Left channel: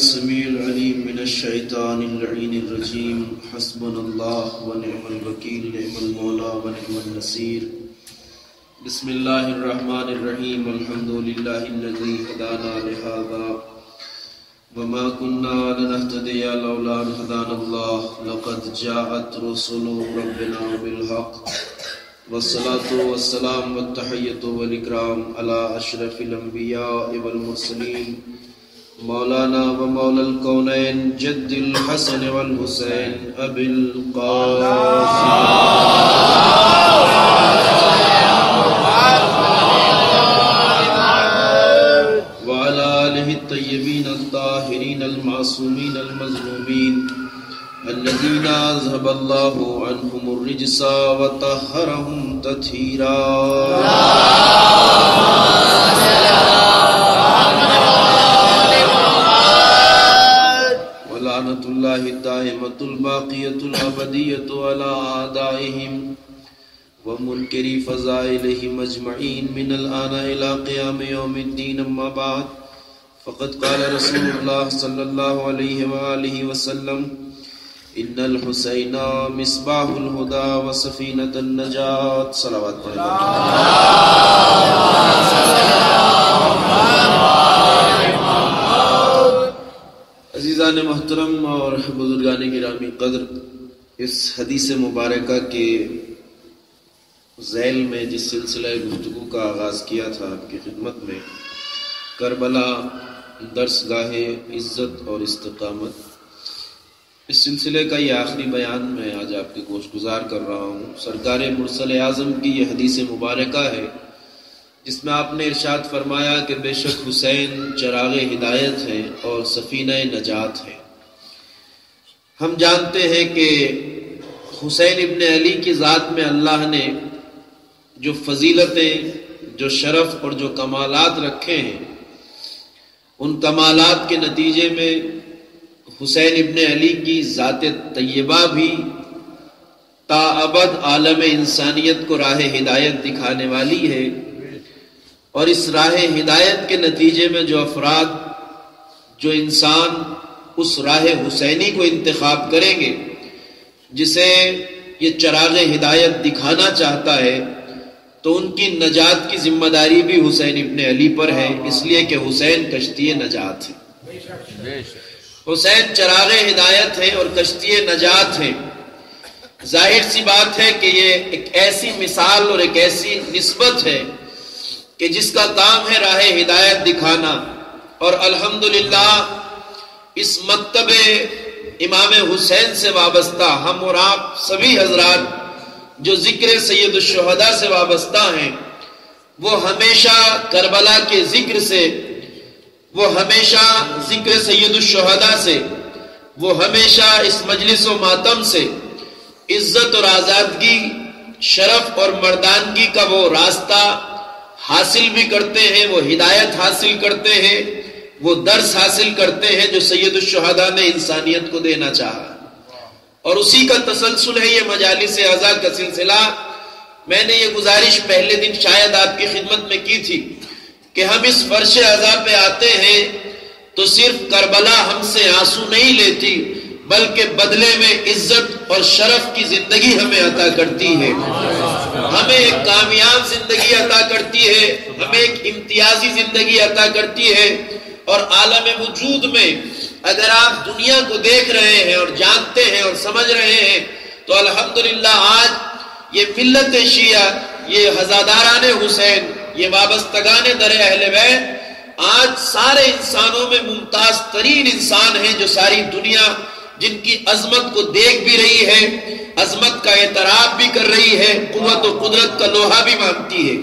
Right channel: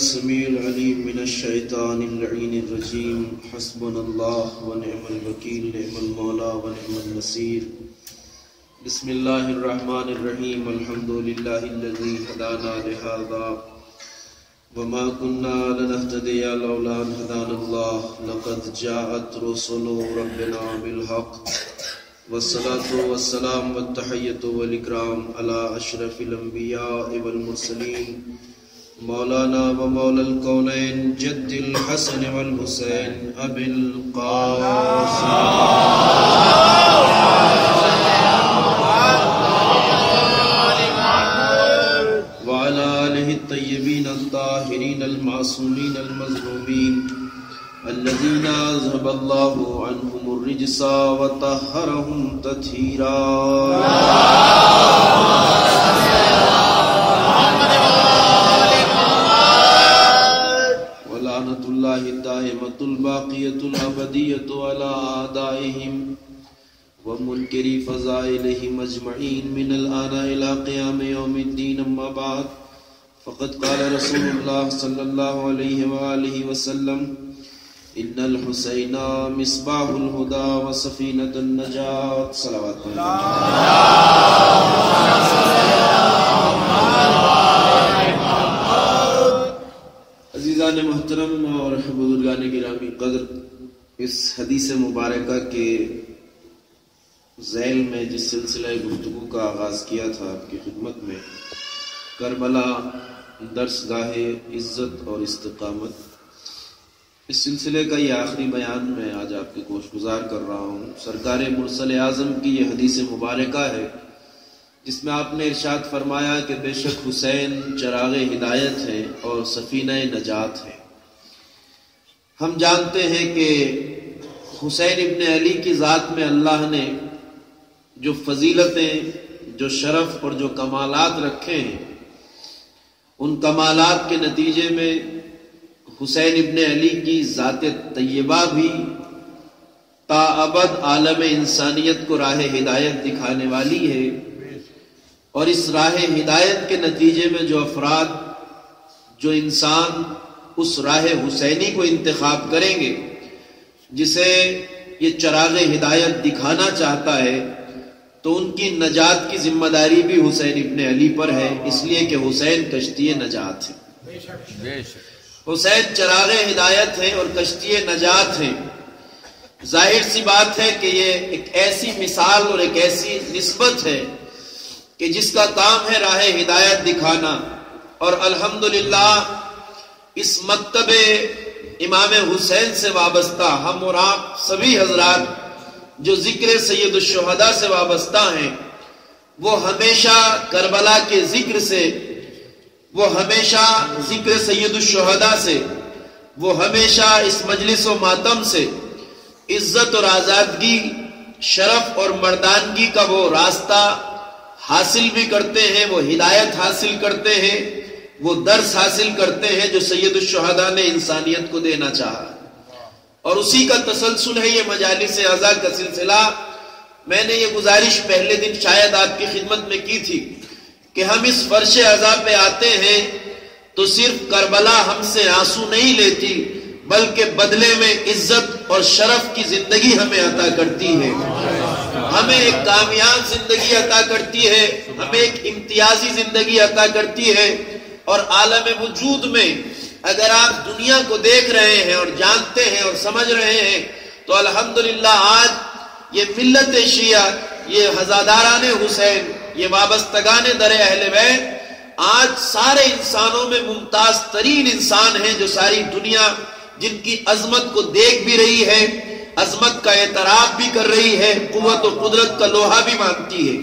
السميع العليم من الشيطان اللعين الرجيم حسبنا الله ونعم الوكيل نعم المولى ونعم النصير بسم الله الرحمن الرحيم الحمد لله الذي هدانا لهذا وما كنا لنهتدي لولا أن هدانا الله لقد جاءت رسل ربنا بالحق والصلاة والسلام والتحية والإكرام على أشرف الأنبياء والمرسلين مولانا ومولى الكونين جد الحسن والحسين أبي القاسم وعلى آله الطيبين الطاهرين المعصومين المظلومين الذين أذهب الله عنهم الرجس وطهرهم تطهيرا ولعنة الله الدائمة الباقية الأبدية على أعدائهم ومنكري فضائلهم أجمعين من الآن إلى قيام يوم الدين أما بعد فقد قال رسول الله صلى الله عليه وآله وسلم إن الحسين مصباح الهدى وسفينة النجاة صلوات عزیزان محترم اور بزرگان گرامی قدر، اس حدیث مبارکہ کے ذیل میں جس سلسلہ گفتگو کا آغاز کیا تھا آپ کی خدمت میں، کربلا درس گاہ عزت اور استقامت، اس سلسلے کا یہ آخری بیان میں آج آپ کے گوش گزار کر رہا ہوں۔ سرکار مرسل اعظم کی یہ حدیث مبارکہ ہے جس میں آپ نے ارشاد فرمایا کہ بے شک حسین چراغ ہدایت ہے اور سفینہ نجات ہے۔ ہم جانتے ہیں کہ حسین ابن علی کی ذات میں اللہ نے جو فضیلتیں، جو شرف اور جو کمالات رکھے ہیں، ان کمالات کے نتیجے میں حسین ابن علی کی ذات طیبہ بھی تا ابد عالم انسانیت کو راہ ہدایت دکھانے والی ہے، اور اس راہ ہدایت کے نتیجے میں جو افراد، جو انسان اس راہ حسینی کو انتخاب کریں گے جسے یہ چراغ ہدایت دکھانا چاہتا ہے، تو ان کی نجات کی ذمہ داری بھی حسین ابن علی پر ہے، اس لیے کہ حسین کشتی نجات ہے۔ حسین چراغ ہدایت ہے اور کشتی نجات ہے۔ ظاہر سی بات ہے کہ یہ ایک ایسی مثال اور ایک ایسی نسبت ہے کہ جس کا کام ہے راہ ہدایت دکھانا، اور الحمدللہ اس مکتب امام حسین سے وابستہ ہم اور آپ سبھی حضرات جو ذکر سید الشہداء سے وابستہ ہیں، وہ ہمیشہ کربلا کے ذکر سے، وہ ہمیشہ ذکر سید الشہداء سے، وہ ہمیشہ اس مجلس و ماتم سے عزت اور آزادگی، شرف اور مردانگی کا وہ راستہ حاصل بھی کرتے ہیں، وہ ہدایت حاصل کرتے ہیں، وہ درس حاصل کرتے ہیں جو سید الشہداء نے انسانیت کو دینا چاہا، اور اسی کا تسلسل ہے یہ مجالس اعزاء کا سلسلہ۔ میں نے یہ گزارش پہلے دن شاید آپ کی خدمت میں کی تھی کہ ہم اس فرش عزا پہ آتے ہیں تو صرف کربلا ہم سے آنسو نہیں لیتی، بلکہ بدلے میں عزت اور شرف کی زندگی ہمیں عطا کرتی ہے، ہمیں ایک کامیاب زندگی عطا کرتی ہے، ہمیں ایک امتیازی زندگی عطا کرتی ہے۔ اور عالم وجود میں اگر آپ دنیا کو دیکھ رہے ہیں اور جانتے ہیں اور سمجھ رہے ہیں تو الحمدللہ آج یہ ملت شیعہ، یہ ہزاداران حسین، یہ وابستگان در اہل بیت آج سارے انسانوں میں ممتاز ترین انسان ہیں، جو ساری دنیا جن کی عظمت کو دیکھ بھی رہی ہے، عظمت کا اعتراف بھی کر رہی ہے، قوت و قدرت کا لوہا بھی مانتی ہے۔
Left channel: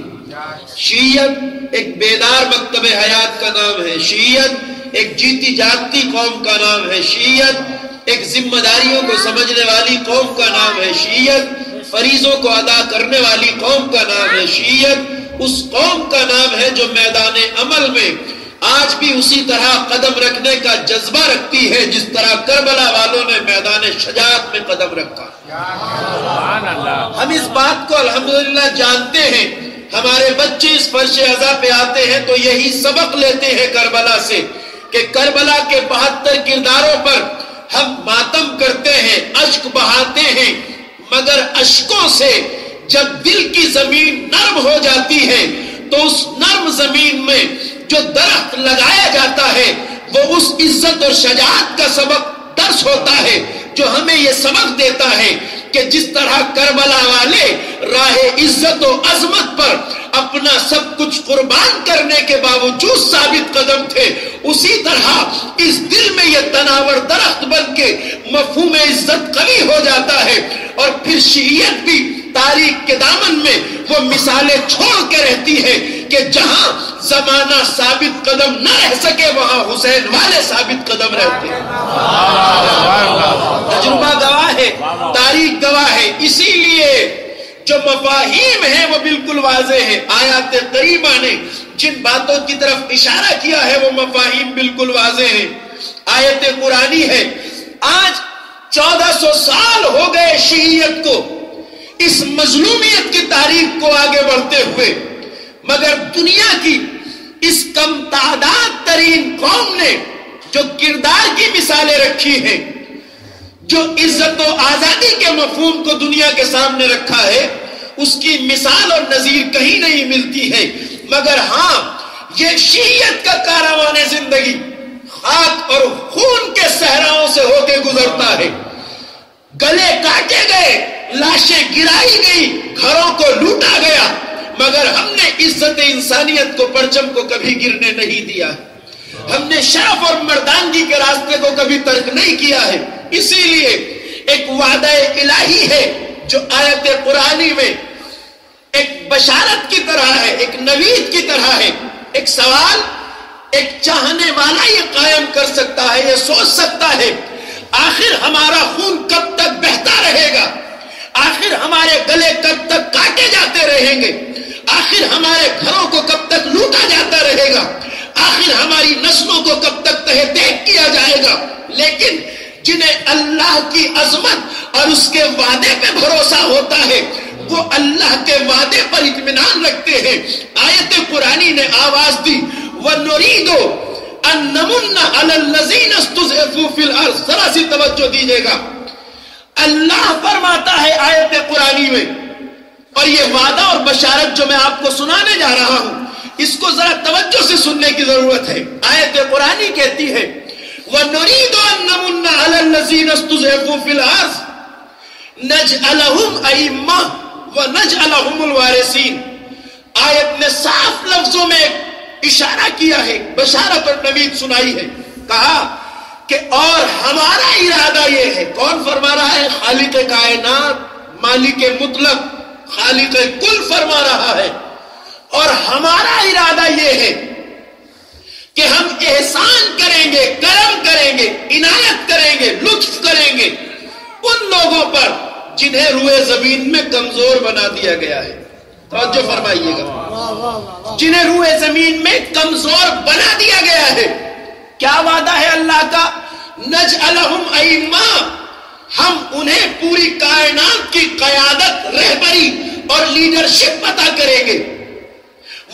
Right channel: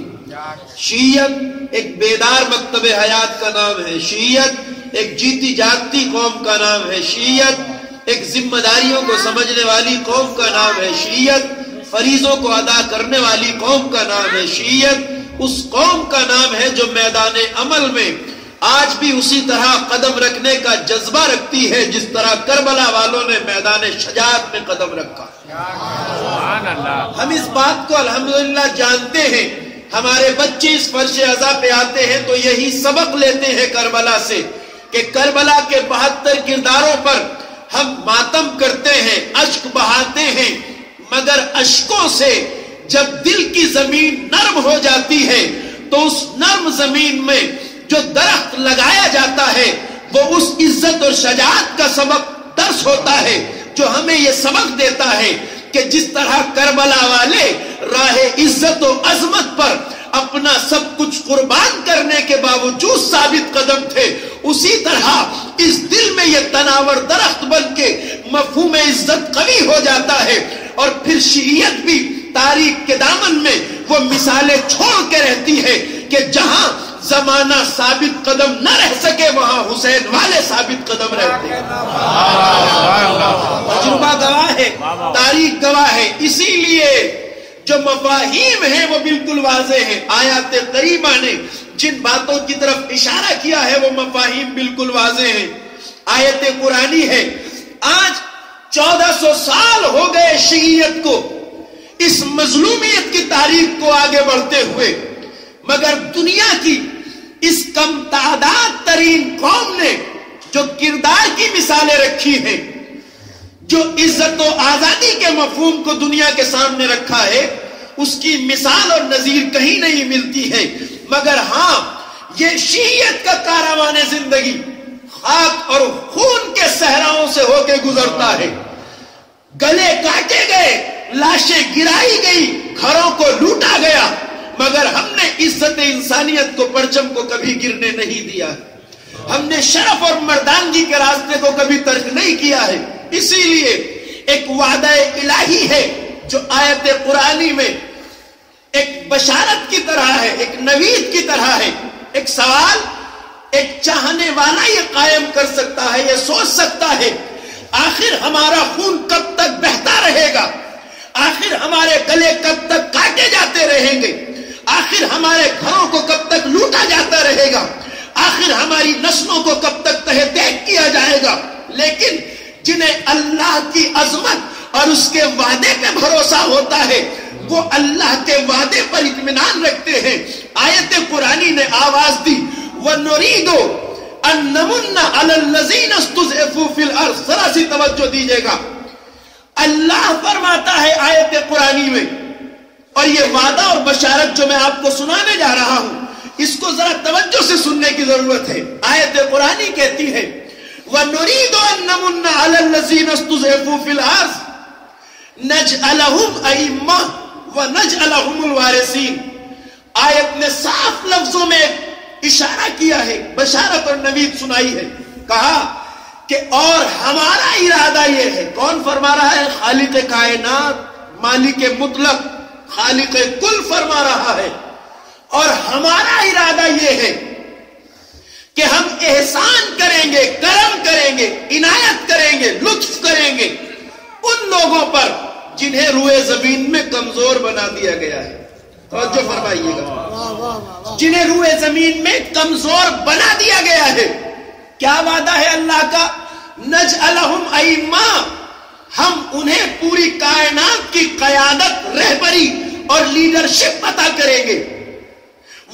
شیعت ایک بیدار مکتب حیات کا نام ہے، شیعت ایک جیتی جاگتی قوم کا نام ہے، شیعت ایک ذمہ داریوں کو سمجھنے والی قوم کا نام ہے، شیعت فریضوں کو ادا کرنے والی قوم کا نام ہے، شیعت اس قوم کا نام ہے جو میدان عمل میں آج بھی اسی طرح قدم رکھنے کا جذبہ رکھتی ہے جس طرح کربلا والوں نے میدان شجاعت میں قدم رکھا۔ ہم اس بات کو الحمدللہ جانتے ہیں، ہمارے بچے اس فرش عزا پہ آتے ہیں تو یہی سبق لیتے ہیں کربلا سے کہ کربلا کے 72 کرداروں پر ہم ماتم کرتے ہیں، اشک بہاتے ہیں، مگر اشکوں سے جب دل کی زمین نرم ہو جاتی ہے تو اس نرم زمین میں جو درخت لگایا جاتا ہے وہ اس عزت اور شجاعت کا سبب درس ہوتا ہے، جو ہمیں یہ سبق دیتا ہے کہ جس طرح کربلا والے راہ عزت و عظمت پر اپنا سب کچھ قربان کرنے کے باوجود ثابت قدم تھے، اسی طرح اس دل میں یہ تناور درخت بن کے مفہوم عزت قوی ہو جاتا ہے، اور پھر شیعیت بھی تاریخ کے دامن میں وہ مثالیں چھوڑ کے رہتی ہے کہ جہاں زمانہ ثابت قدم نہ رہ سکے وہاں حسین والے ثابت قدم رہتے ہیں۔ تجربہ گواہ ہے، تاریخ گواہ ہے، اسی لیے جو مفاہیم ہیں وہ بالکل واضح ہیں۔ آیات قریبہ نے جن باتوں کی طرف اشارہ کیا ہے وہ مفاہیم بالکل واضح ہیں۔ آیت قرآنی ہے، آج 1400 سال ہو گئے شیعیت کو اس مظلومیت کی تاریخ کو آگے بڑھتے ہوئے، مگر دنیا کی اس کم تعداد ترین قوم نے جو کردار کی مثالیں رکھی ہیں، جو عزت و آزادی کے مفہوم کو دنیا کے سامنے رکھا ہے، اس کی مثال اور نظیر کہیں نہیں ملتی ہے، مگر ہاں یہ شیعیت کا کاروان زندگی خاک اور خون کے صحراؤں سے ہو کے گزرتا ہے۔ گلے کاٹے گئے، لاشیں گرائی گئی، گھروں کو لوٹا گیا، مگر ہم نے عزت انسانیت کو، پرچم کو کبھی گرنے نہیں دیا، ہم نے شرف اور مردانگی کے راستے کو کبھی ترک نہیں کیا ہے۔ اسی لیے ایک وعدہ الہی ہے جو آیت قرآنی میں ایک بشارت کی طرح ہے، ایک نوید کی طرح ہے۔ ایک سوال ایک چاہنے والا یہ قائم کر سکتا ہے، یہ سوچ سکتا ہے، آخر ہمارا خون کب تک بہتا رہے گا؟ آخر ہمارے گلے کب تک کاٹے جاتے رہیں گے؟ آخر ہمارے گھروں کو کب تک لوٹا جاتا رہے گا؟ آخر ہماری نسلوں کو کب تک تہہ دیگ کیا جائے گا؟ لیکن جنہیں اللہ کی عظمت اور اس کے وعدے پہ بھروسہ ہوتا ہے وہ اللہ کے وعدے پر اطمینان رکھتے ہیں۔ آیت قرآنی نے آواز دی، وَنُرِيدُ أَن نَّمُنَّ عَلَى الَّذِينَ اسْتُضْعِفُوا فِي الْأَرْضِ۔ ذرا سی توجہ دیجئے گا، اللہ فرماتا ہے آیت قرآنی میں، اور یہ وعدہ اور بشارت جو میں آپ کو سنانے جا رہا ہوں اس کو ذرا توجہ سے سننے کی ضرورت ہے۔ آیت قرآنی کہتی ہے وَنُرِيدُ أَن نَّمُنَّ عَلَى الَّذِينَ اسْتُضْعِفُوا فِي الْأَرْضِ نَجْعَلَهُمْ أَئِمَّةً وَنَجْعَلَهُمُ الْوَارِثِينَ۔ آیت نے صاف لفظوں میں اشارہ کیا ہے، بشارت اور نوید سنائی ہے، کہا کہ اور ہمارا ارادہ یہ ہے۔ کون فرما رہا ہے؟ خالق کائنات، مالک مطلق، خالق کل فرما رہا ہے، اور ہمارا ارادہ یہ ہے کہ ہم احسان کریں گے، کرم کریں گے، عنایت کریں گے، لطف کریں گے ان لوگوں پر جنہیں روئے زمین میں کمزور بنا دیا گیا ہے۔ توجہ فرمائیے گا، جنہیں روئے زمین میں کمزور بنا دیا گیا ہے۔ کیا وعدہ ہے اللہ کا؟ نجعلہم ائمہ، ہم انہیں پوری کائنات کی قیادت، رہبری اور لیڈرشپ عطا کریں گے۔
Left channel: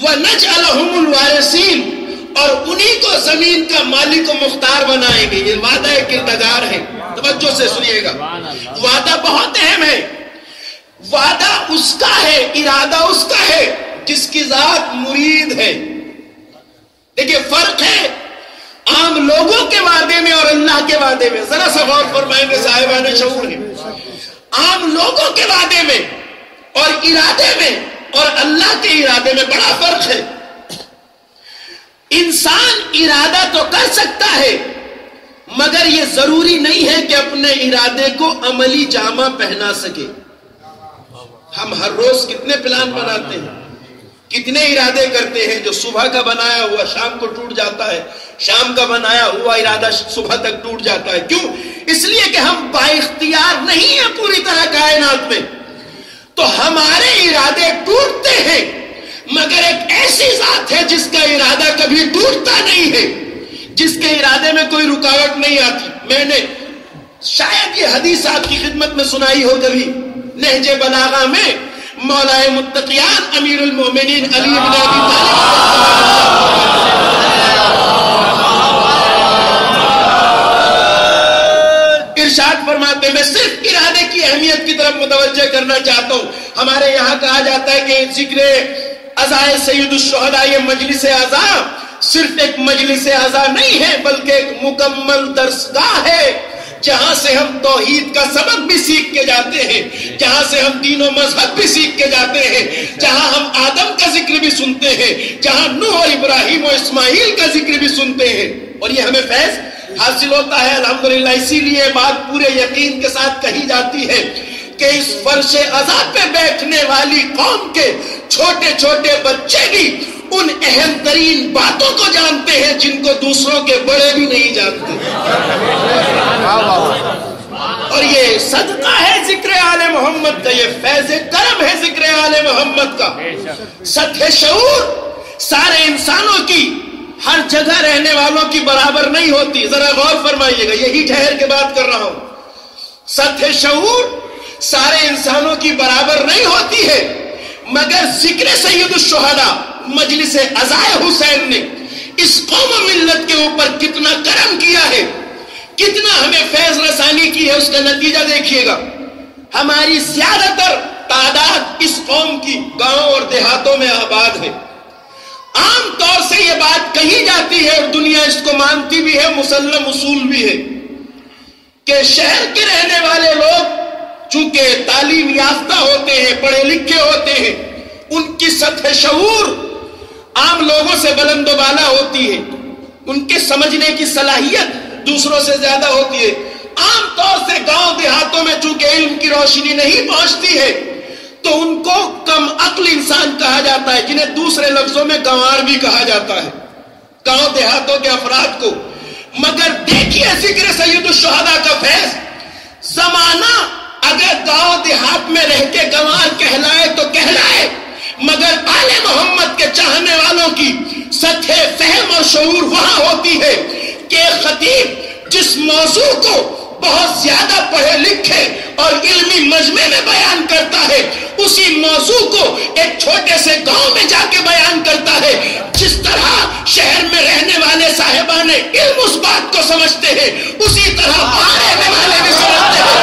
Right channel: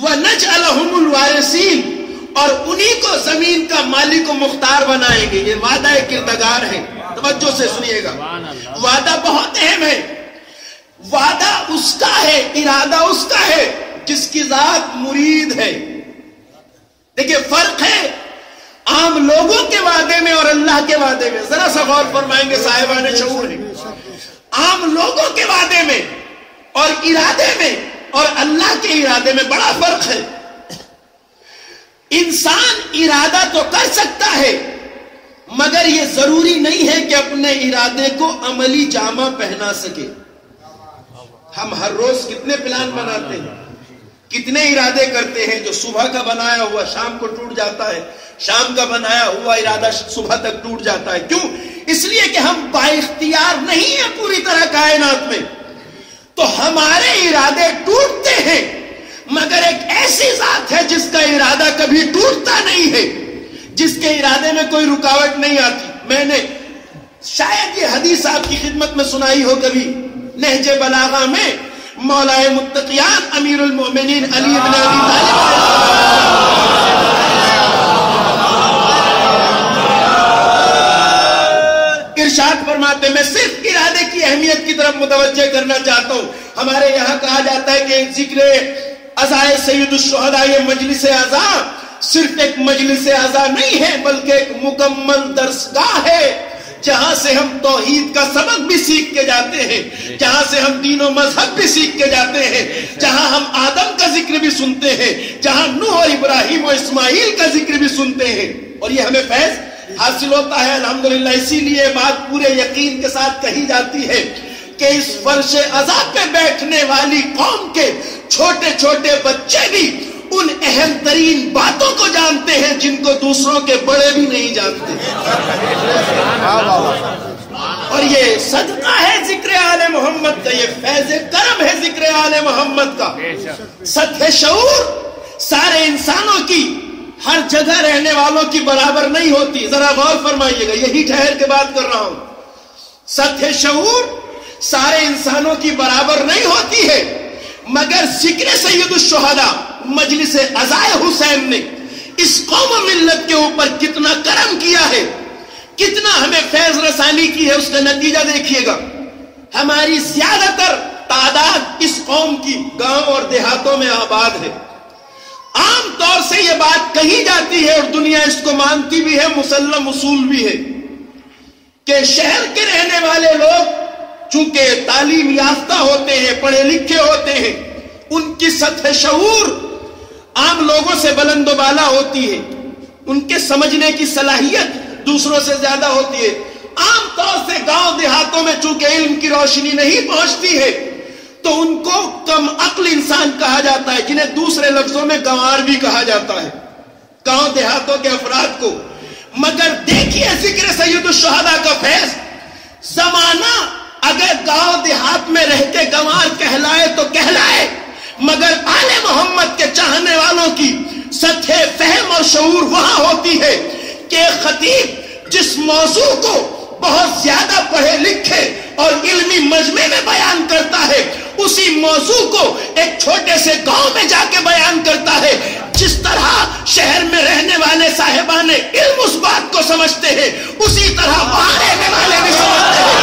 وَنَجْعَلَهُمُ الْوَارِثِينَ، اور انہی کو زمین کا مالک و مختار بنائیں گے۔ یہ وعدہ کردگار ہے، توجہ سے سنیے گا، وعدہ بہت اہم ہے۔ وعدہ اس کا ہے، ارادہ اس کا ہے جس کی ذات مرید ہے۔ دیکھیں فرق ہے عام لوگوں کے وعدے میں اور اللہ کے وعدے میں، ذرا سا غور فرمائیں گے صاحبان شعور ہیں۔ عام لوگوں کے وعدے میں اور ارادے میں اور اللہ کے ارادے میں بڑا فرق ہے۔ انسان ارادہ تو کر سکتا ہے مگر یہ ضروری نہیں ہے کہ اپنے ارادے کو عملی جامہ پہنا سکے۔ ہم ہر روز کتنے پلان بناتے ہیں، کتنے ارادے کرتے ہیں، جو صبح کا بنایا ہوا شام کو ٹوٹ جاتا ہے، شام کا بنایا ہوا ارادہ صبح تک ٹوٹ جاتا ہے۔ کیوں؟ اس لیے کہ ہم با اختیار نہیں ہیں پوری طرح کائنات میں، تو ہمارے ارادے ٹوٹتے ہیں، مگر ایک ایسی ذات ہے جس کا ارادہ کبھی ٹوٹتا نہیں ہے، جس کے ارادے میں کوئی رکاوٹ نہیں آتی۔ میں نے شاید یہ حدیث آپ کی خدمت میں سنائی ہو کبھی، نہج بلاغہ میں مولا متقیان امیر المومنین علی بن ابی طالب ارشاد فرماتے ہیں، میں صرف ارادے کی اہمیت کی طرف متوجہ کرنا چاہتا ہوں۔ ہمارے یہاں کہا جاتا ہے کہ ذکر عزائے سید الشہداء، یہ مجلس عزا صرف ایک مجلس عزا نہیں ہے بلکہ ایک مکمل درسگاہ ہے، جہاں سے ہم توحید کا سبق بھی سیکھ کے جاتے ہیں، جہاں سے ہم دین و مذہب بھی سیکھ کے جاتے ہیں، جہاں ہم آدم کا ذکر بھی سنتے ہیں، جہاں نوح اور ابراہیم و اسماعیل کا ذکر بھی سنتے ہیں، اور یہ ہمیں فیض حاصل ہوتا ہے الحمدللہ۔ اسی لیے بات پورے یقین کے ساتھ کہی جاتی ہے کہ اس فرش عزا پہ بیٹھنے والی قوم کے چھوٹے چھوٹے بچے بھی ان اہم ترین باتوں کو جانتے ہیں جن کو دوسروں کے بڑے بھی نہیں جانتے، اور یہ صدقہ ہے ذکر آل محمد کا، یہ فیض کرم ہے ذکر آل محمد کا۔ سطح شعور سارے انسانوں کی، ہر جگہ رہنے والوں کی برابر نہیں ہوتی، ذرا غور فرمائیے گا، یہی ٹھہر کے بات کر رہا ہوں۔ سطح شعور سارے انسانوں کی برابر نہیں ہوتی ہے، مگر ذکر سید الشہداء مجلس عزائے حسین نے اس قوم و ملت کے اوپر کتنا کرم کیا ہے، کتنا ہمیں فیض رسانی کی ہے، اس کا نتیجہ دیکھیے گا۔ ہماری زیادہ تر تعداد اس قوم کی گاؤں اور دیہاتوں میں آباد ہے۔ عام طور سے یہ بات کہی جاتی ہے اور دنیا اس کو مانتی بھی ہے، مسلم اصول بھی ہے، کہ شہر کے رہنے والے لوگ چونکہ تعلیم یافتہ ہوتے ہیں، پڑھے لکھے ہوتے ہیں، ان کی سطح شعور عام لوگوں سے بلند و بالا ہوتی ہے، ان کے سمجھنے کی صلاحیت دوسروں سے زیادہ ہوتی ہے۔ عام طور سے گاؤں دیہاتوں میں چونکہ علم کی روشنی نہیں پہنچتی ہے تو ان کو کم عقل انسان کہا جاتا ہے، جنہیں دوسرے لفظوں میں گنوار بھی کہا جاتا ہے، گاؤں دیہاتوں کے افراد کو۔ مگر دیکھیے ذکر سید الشہداء کا فیض، زمانہ اگر گاؤں دیہات میں رہ کے گنوار کہلائے تو کہلائے، مگر آل محمد کے چاہنے والوں کی سطح فہم اور شعور وہاں ہوتی ہے کہ خطیب جس موضوع کو بہت زیادہ پڑھے لکھے اور علمی مجمع میں بیان کرتا ہے، اسی موضوع کو ایک چھوٹے سے گاؤں میں جا کے بیان کرتا ہے۔ جس طرح شہر میں رہنے والے صاحبان علم اس بات کو سمجھتے ہیں، اسی طرح وہاں رہنے والے بھی سمجھتے ہیں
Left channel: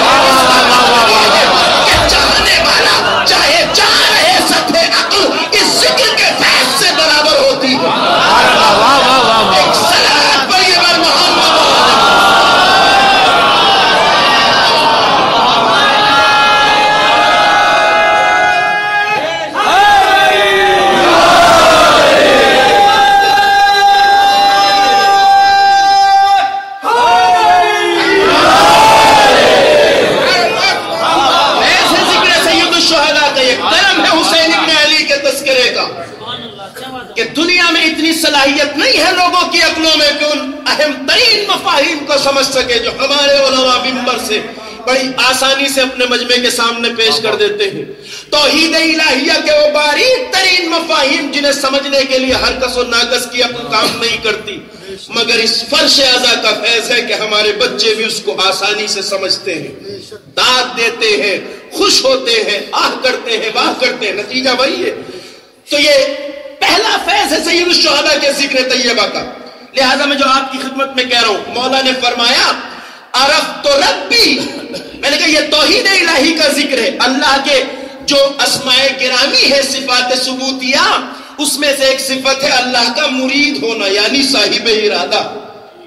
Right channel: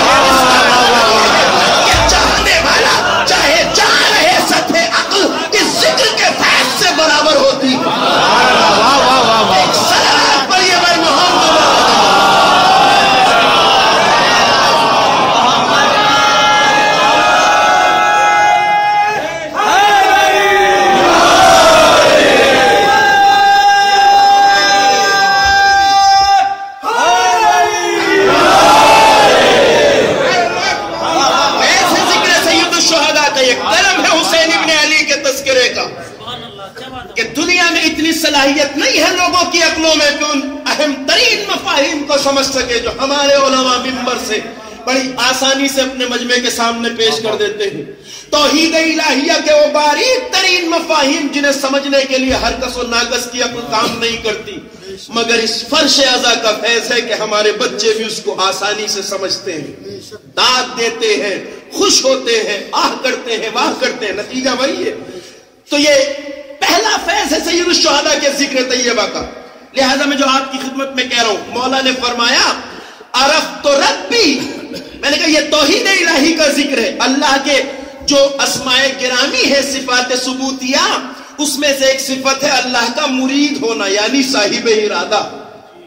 کہ چاہنے والا چاہے جہاں رہے، سطح عقل اس ذکر کے فیض سے برابر ہوتی ہے۔ ایک صلوات پڑھیے بر محمد۔ کہ دنیا میں اتنی صلاحیت نہیں ہے لوگوں کی عقلوں میں کہ ان اہم ترین مفاہیم کو سمجھ سکے جو ہمارے علماء منبر سے بڑی آسانی سے اپنے مجمع کے سامنے پیش کر دیتے ہیں۔ توحید الہیہ کے وہ باریک ترین مفاہیم جنہیں سمجھنے کے لیے ہر کس و ناقص کی عقل کام نہیں کرتی، مگر اس فرش عزا کا فیض ہے کہ ہمارے بچے بھی اس کو آسانی سے سمجھتے ہیں، داد دیتے ہیں، خوش ہوتے ہیں، آہ کرتے ہیں، واہ کرتے ہیں، نتیجہ وہی ہے۔ تو یہ پہلا فیض ہے سید الشہداء کے ذکر طیبہ کا۔ لہذا میں جو آپ کی خدمت میں کہہ رہا ہوں، مولا نے فرمایا عرفت ربی، میں نے کہا یہ توحید الہی کا ذکر ہے۔ اللہ کے جو اسماء گرامی ہے، صفات ثبوتیہ، اس میں سے ایک صفت ہے اللہ کا مرید ہونا، یعنی صاحب ارادہ۔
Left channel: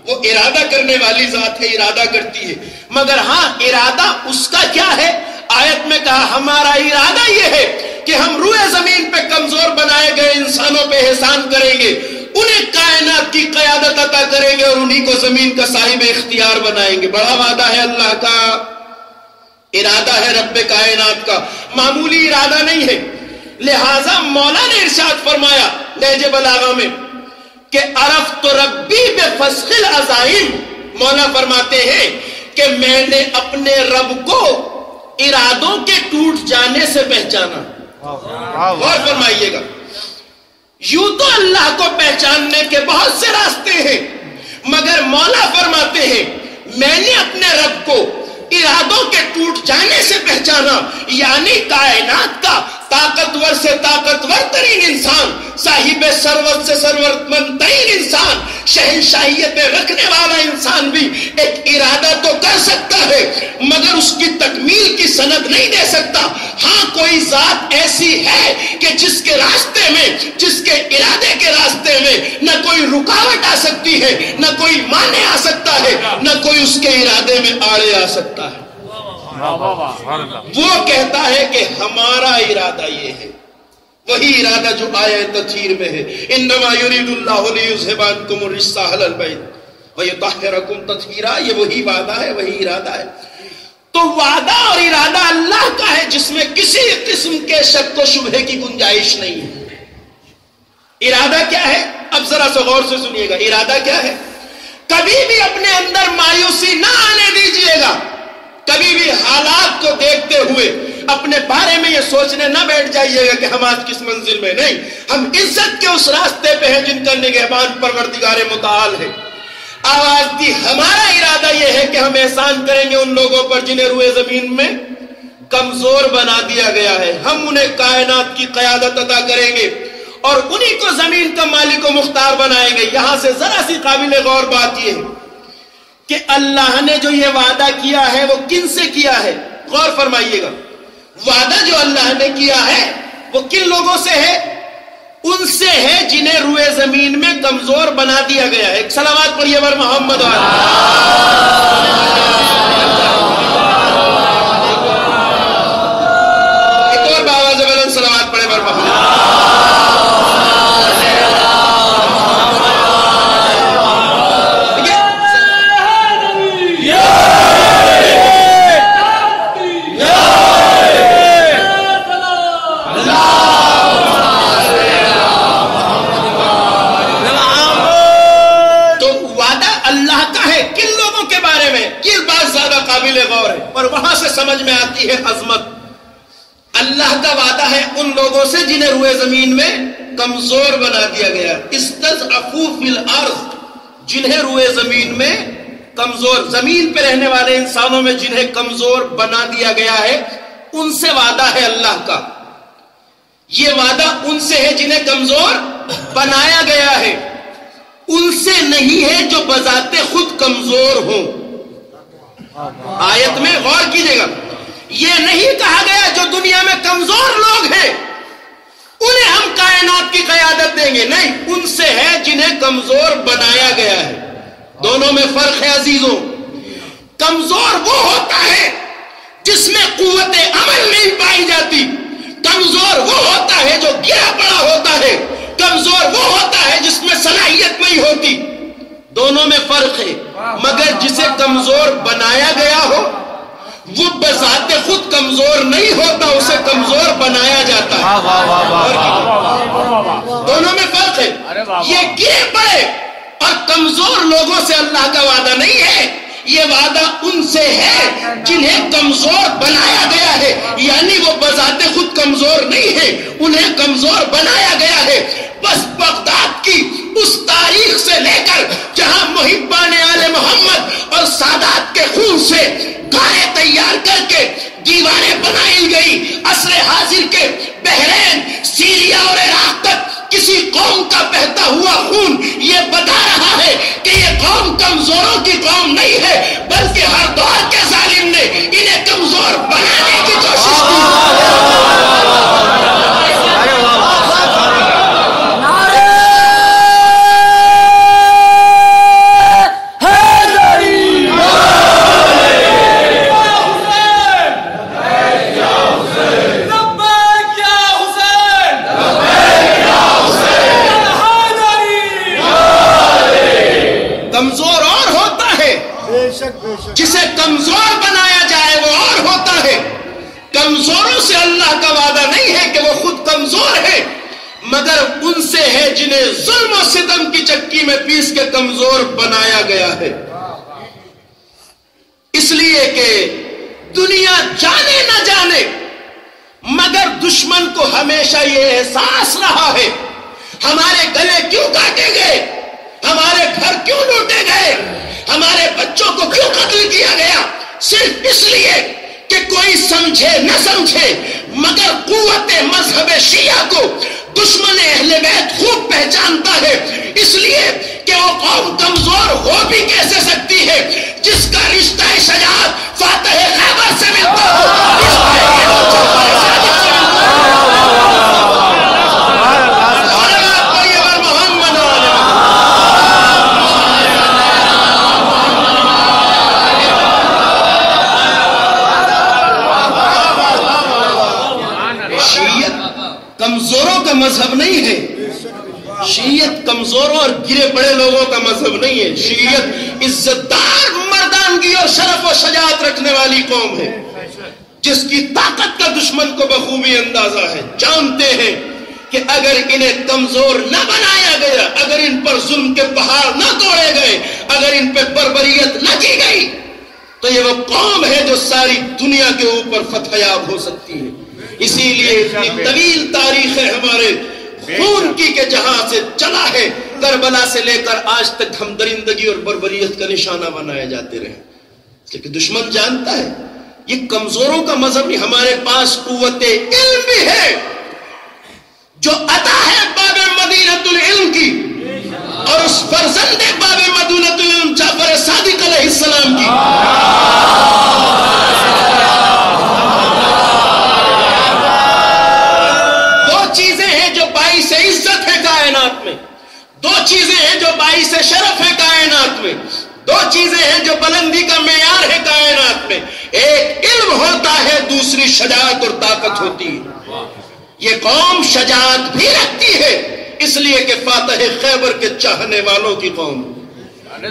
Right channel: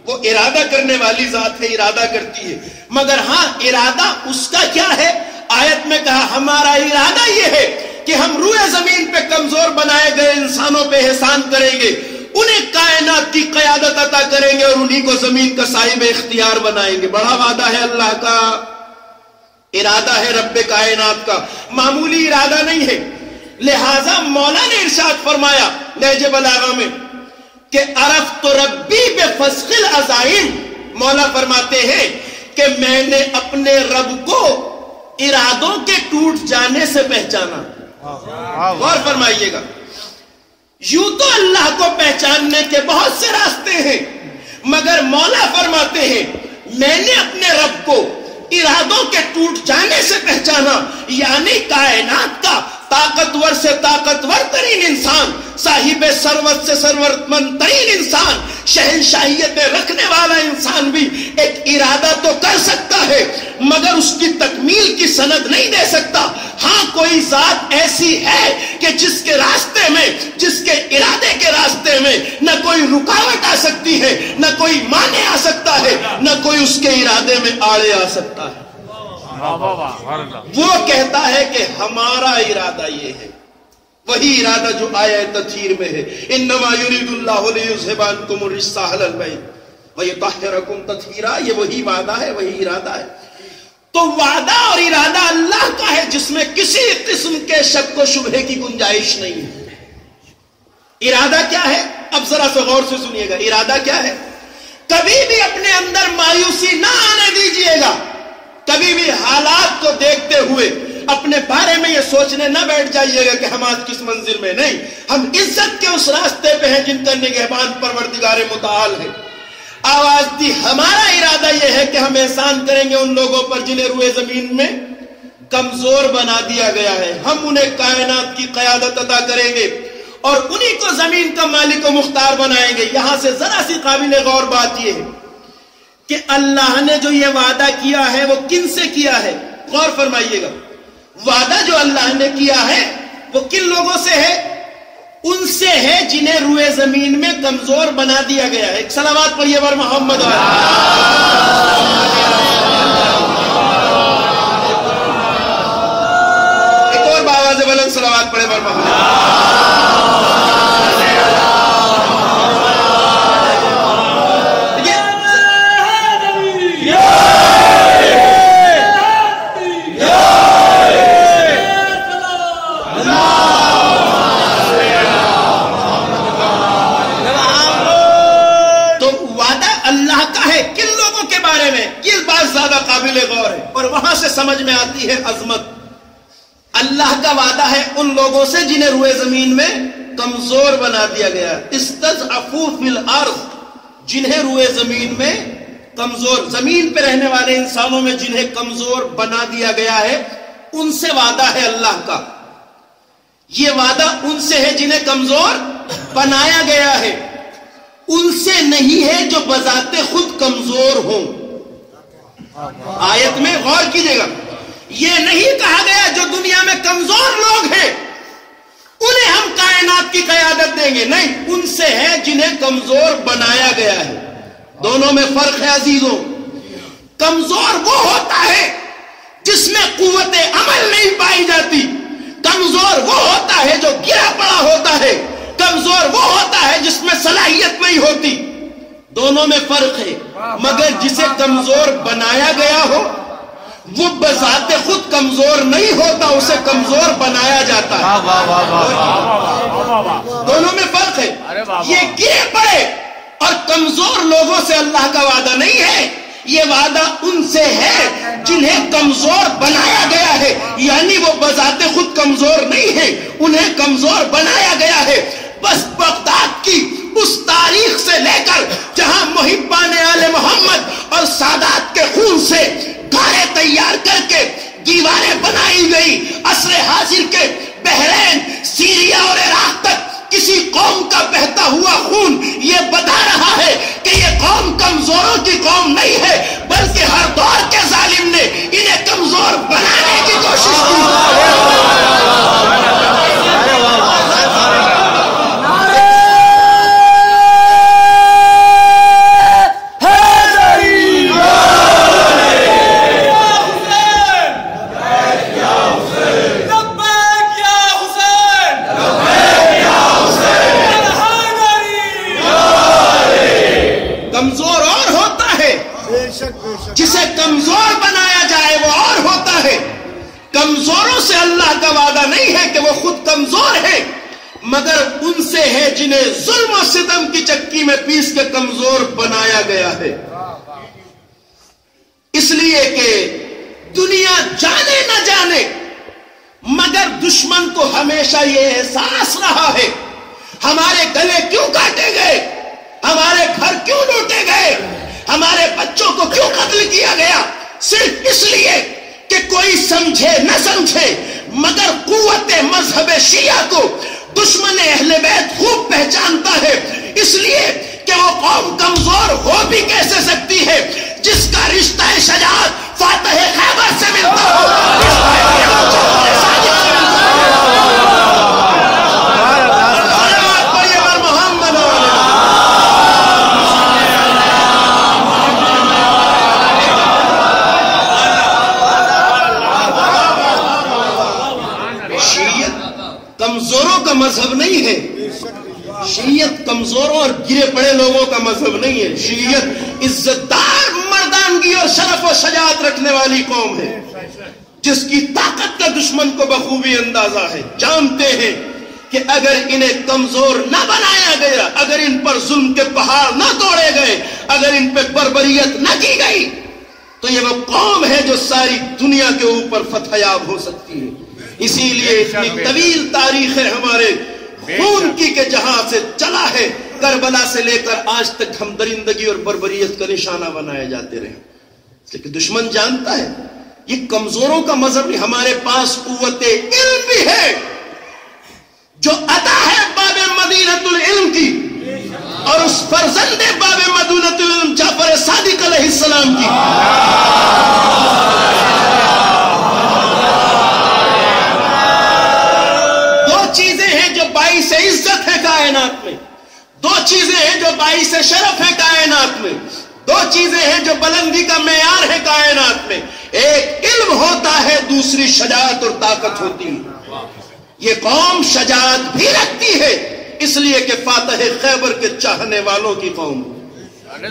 وہ ارادہ کرنے والی ذات ہے، ارادہ کرتی ہے، مگر ہاں ارادہ اس کا کیا ہے؟ آیت میں کہا ہمارا ارادہ یہ ہے کہ ہم روئے زمین پہ کمزور بنائے گئے انسانوں پہ احسان کریں گے، انہیں کائنات کی قیادت عطا کریں گے اور انہیں کو زمین کا صاحب اختیار بنائیں گے۔ بڑا وعدہ ہے اللہ کا، ارادہ ہے رب کائنات کا، معمولی ارادہ نہیں ہے۔ لہٰذا مولا نے ارشاد فرمایا نہج بلاغہ میں کہ عرفت ربی بفسخ العزائم، مولا فرماتے ہیں کہ میں نے اپنے رب کو ارادوں کے ٹوٹ جانے سے پہچانا۔ غور فرمائیے گا، یوں تو اللہ کو پہچاننے کے بہت سے راستے ہیں، مگر مولا فرماتے ہیں میں نے اپنے رب کو ارادوں کے ٹوٹ جانے سے پہچانا، یعنی کائنات کا طاقتور سے طاقتور ترین انسان، صاحب ثروت سے ثروت مند ترین انسان، شہنشاہیت رکھنے والا انسان بھی ایک ارادہ تو کر سکتا ہے مگر اس کی تکمیل کی سند نہیں دے سکتا. ہاں کوئی ذات ایسی ہے کہ جس کے راستے میں، جس کے ارادے کے راستے میں نہ کوئی رکاوٹ آ سکتی ہے، نہ کوئی مانع آ سکتا ہے، نہ کوئی اس کے ارادے میں آڑے آ سکتا ہے. وہ کہتا ہے کہ ہمارا ارادہ یہ ہے، وہی ارادہ جو آیہ تطہیر میں ہے، انما یرید اللہ لیذھب عنکم الرجس اہل البیت ویطہرکم تطہیرا. یہ وہی وعدہ ہے، وہی ارادہ ہے. تو وعدہ اور ارادہ اللہ کا ہے جس میں کسی قسم کے شک و شبہے کی گنجائش نہیں ہے. ارادہ کیا ہے؟ اب ذرا سا غور سے سنیے گا. ارادہ کیا ہے؟ کبھی بھی اپنے اندر مایوسی نہ آنے دیجیے گا. کبھی بھی حالات کو دیکھتے ہوئے اپنے بارے میں یہ سوچنے نہ بیٹھ جائیے گا کہ ہم آج کس منزل میں. نہیں، ہم عزت کے اس راستے پہ ہیں جن کا نگہبان پروردگار متعال ہے. آواز دی، ہمارا ارادہ یہ ہے کہ ہم احسان کریں گے ان لوگوں پر جنہیں روئے زمین میں کمزور بنا دیا گیا ہے. ہم انہیں کائنات کی قیادت عطا کریں گے اور انہی کو زمین کا مالک و مختار بنائیں گے. یہاں سے ذرا سی قابل غور بات یہ ہے کہ اللہ نے جو یہ وعدہ کیا ہے وہ کن سے کیا ہے؟ غور فرمائیے گا. وعدہ جو اللہ نے کیا ہے وہ کن لوگوں سے ہے؟ ان سے ہے جنہیں روئے زمین میں کمزور بنا دیا گیا ہے. ایک صلوات پڑھیے بر محمد والے. ایک اور باواز بلند صلوات پڑھے بر محمد. یہ بات زیادہ قابل غور ہے اور وہاں سے سمجھ میں آتی ہے عظمت. اللہ کا وعدہ ہے ان لوگوں سے جنہیں روئے زمین میں کمزور بنا دیا گیا. استضعفوا فی الارض، جنہیں روئے زمین میں کمزور، زمین پہ رہنے والے انسانوں میں جنہیں کمزور بنا دیا گیا ہے، ان سے وعدہ ہے اللہ کا. یہ وعدہ ان سے ہے جنہیں کمزور بنایا گیا ہے، ان سے نہیں ہے جو بذات خود کمزور ہوں. آیت میں غور کیجئے گا، یہ نہیں کہا گیا جو دنیا میں کمزور لوگ ہیں انہیں ہم کائنات کی قیادت دیں گے. نہیں، ان سے ہے جنہیں کمزور بنایا گیا ہے. دونوں میں فرق ہے عزیزوں. کمزور وہ ہوتا ہے جس میں قوت عمل نہیں پائی جاتی. کمزور وہ ہوتا ہے جو گرا پڑا ہوتا ہے. کمزور وہ ہوتا ہے جس میں صلاحیت نہیں ہوتی. دونوں میں فرق ہے. مگر جسے کمزور بنایا گیا ہو وہ بذات خود کمزور نہیں ہوتا، اسے کمزور بنایا جاتا ہے. دونوں میں فرق ہے. یہ گرے پڑے اور کمزور لوگوں سے اللہ کا وعدہ نہیں ہے. یہ وعدہ ان سے ہے جنہیں کمزور بنایا گیا ہے، یعنی وہ بذات خود کمزور نہیں ہے، انہیں کمزور بنایا گیا ہے. بس بغداد کی اس تاریخ سے لے کر جہاں محبان آل محمد اور سادات کے خون سے گارے تیار کر کے دیواریں بنائی گئی، عصر حاضر کے بحرین، سیریا اور عراق تک کسی قوم کا بہتا ہوا خون یہ بتا رہا ہے کہ یہ قوم کمزوروں کی قوم نہیں ہے، بلکہ ہر دور کے ظالم نے انہیں کمزور بنانے کی کوشش کی. جسے کمزور بنایا جائے وہ اور ہوتا ہے. کمزوروں سے اللہ کا وعدہ نہیں ہے کہ وہ خود کمزور ہے، مگر ان سے ہے جنہیں ظلم و ستم کی چکی میں پیس کے کمزور بنایا گیا ہے. اس لیے کہ دنیا جانے نہ جانے مگر دشمن کو ہمیشہ یہ احساس رہا ہے ہمارے گلے کیوں کاٹے گئے، ہمارے گھر کیوں لوٹے گئے، ہمارے بچوں کو کیوں قتل کیا گیا. صرف اس لیے کہ کوئی سمجھے نہ سمجھے مگر قوت مذہب شیعہ کو دشمن اہل بیت خوب پہچانتا ہے. اس لیے کہ وہ قوم کمزور ہو بھی کیسے سکتی ہے جس کا رشتہ شجاعت فاتح خیبر سے ملتا ہو، جعفر صادق سے ملتا ہو۔ کمزوروں کا مذہب نہیں ہے، شیعت کمزوروں اور گرے پڑے لوگوں کا مذہب نہیں ہے، شیعت عزتدار مردانگی اور شرف و شجاعت رکھنے والی قوم ہے، جس کی طاقت کا دشمن کو بخوبی اندازہ ہے، جانتے ہیں کہ اگر انہیں کمزور نہ بنایا گیا، اگر ان پر ظلم کے پہاڑ نہ توڑے گئے، اگر ان پہ بربریت نہ کی گئی تو یہ وہ قوم ہے جو ساری دنیا کے اوپر فتح یاب ہو سکتی ہے۔ اسی لیے اتنی طویل تاریخ ہے ہمارے خون کی کہ جہاں سے چلا ہے کربلا سے لے کر آج تک ہم درندگی اور بربریت کا نشانہ بنائے جاتے رہے، لیکن دشمن جانتا ہے یہ کمزوروں کا مذہب نہیں، ہمارے پاس قوت علم بھی ہے جو عطا ہے باب مدینۃ العلم کی، اور اس فرزند باب مدینۃ العلم جعفر صادق علیہ السلام کی۔ چیزیں ہیں جو باعث عزت ہے کائنات میں، دو چیزیں ہیں جو باعث شرف ہے کائنات میں، دو چیزیں ہیں جو بلندی کا معیار ہے کائنات میں، ایک علم ہوتا ہے، دوسری شجاعت اور طاقت ہوتی ہے۔ یہ قوم شجاعت بھی رکھتی ہے اس لیے کہ فاتح خیبر کے چاہنے والوں کی قوم،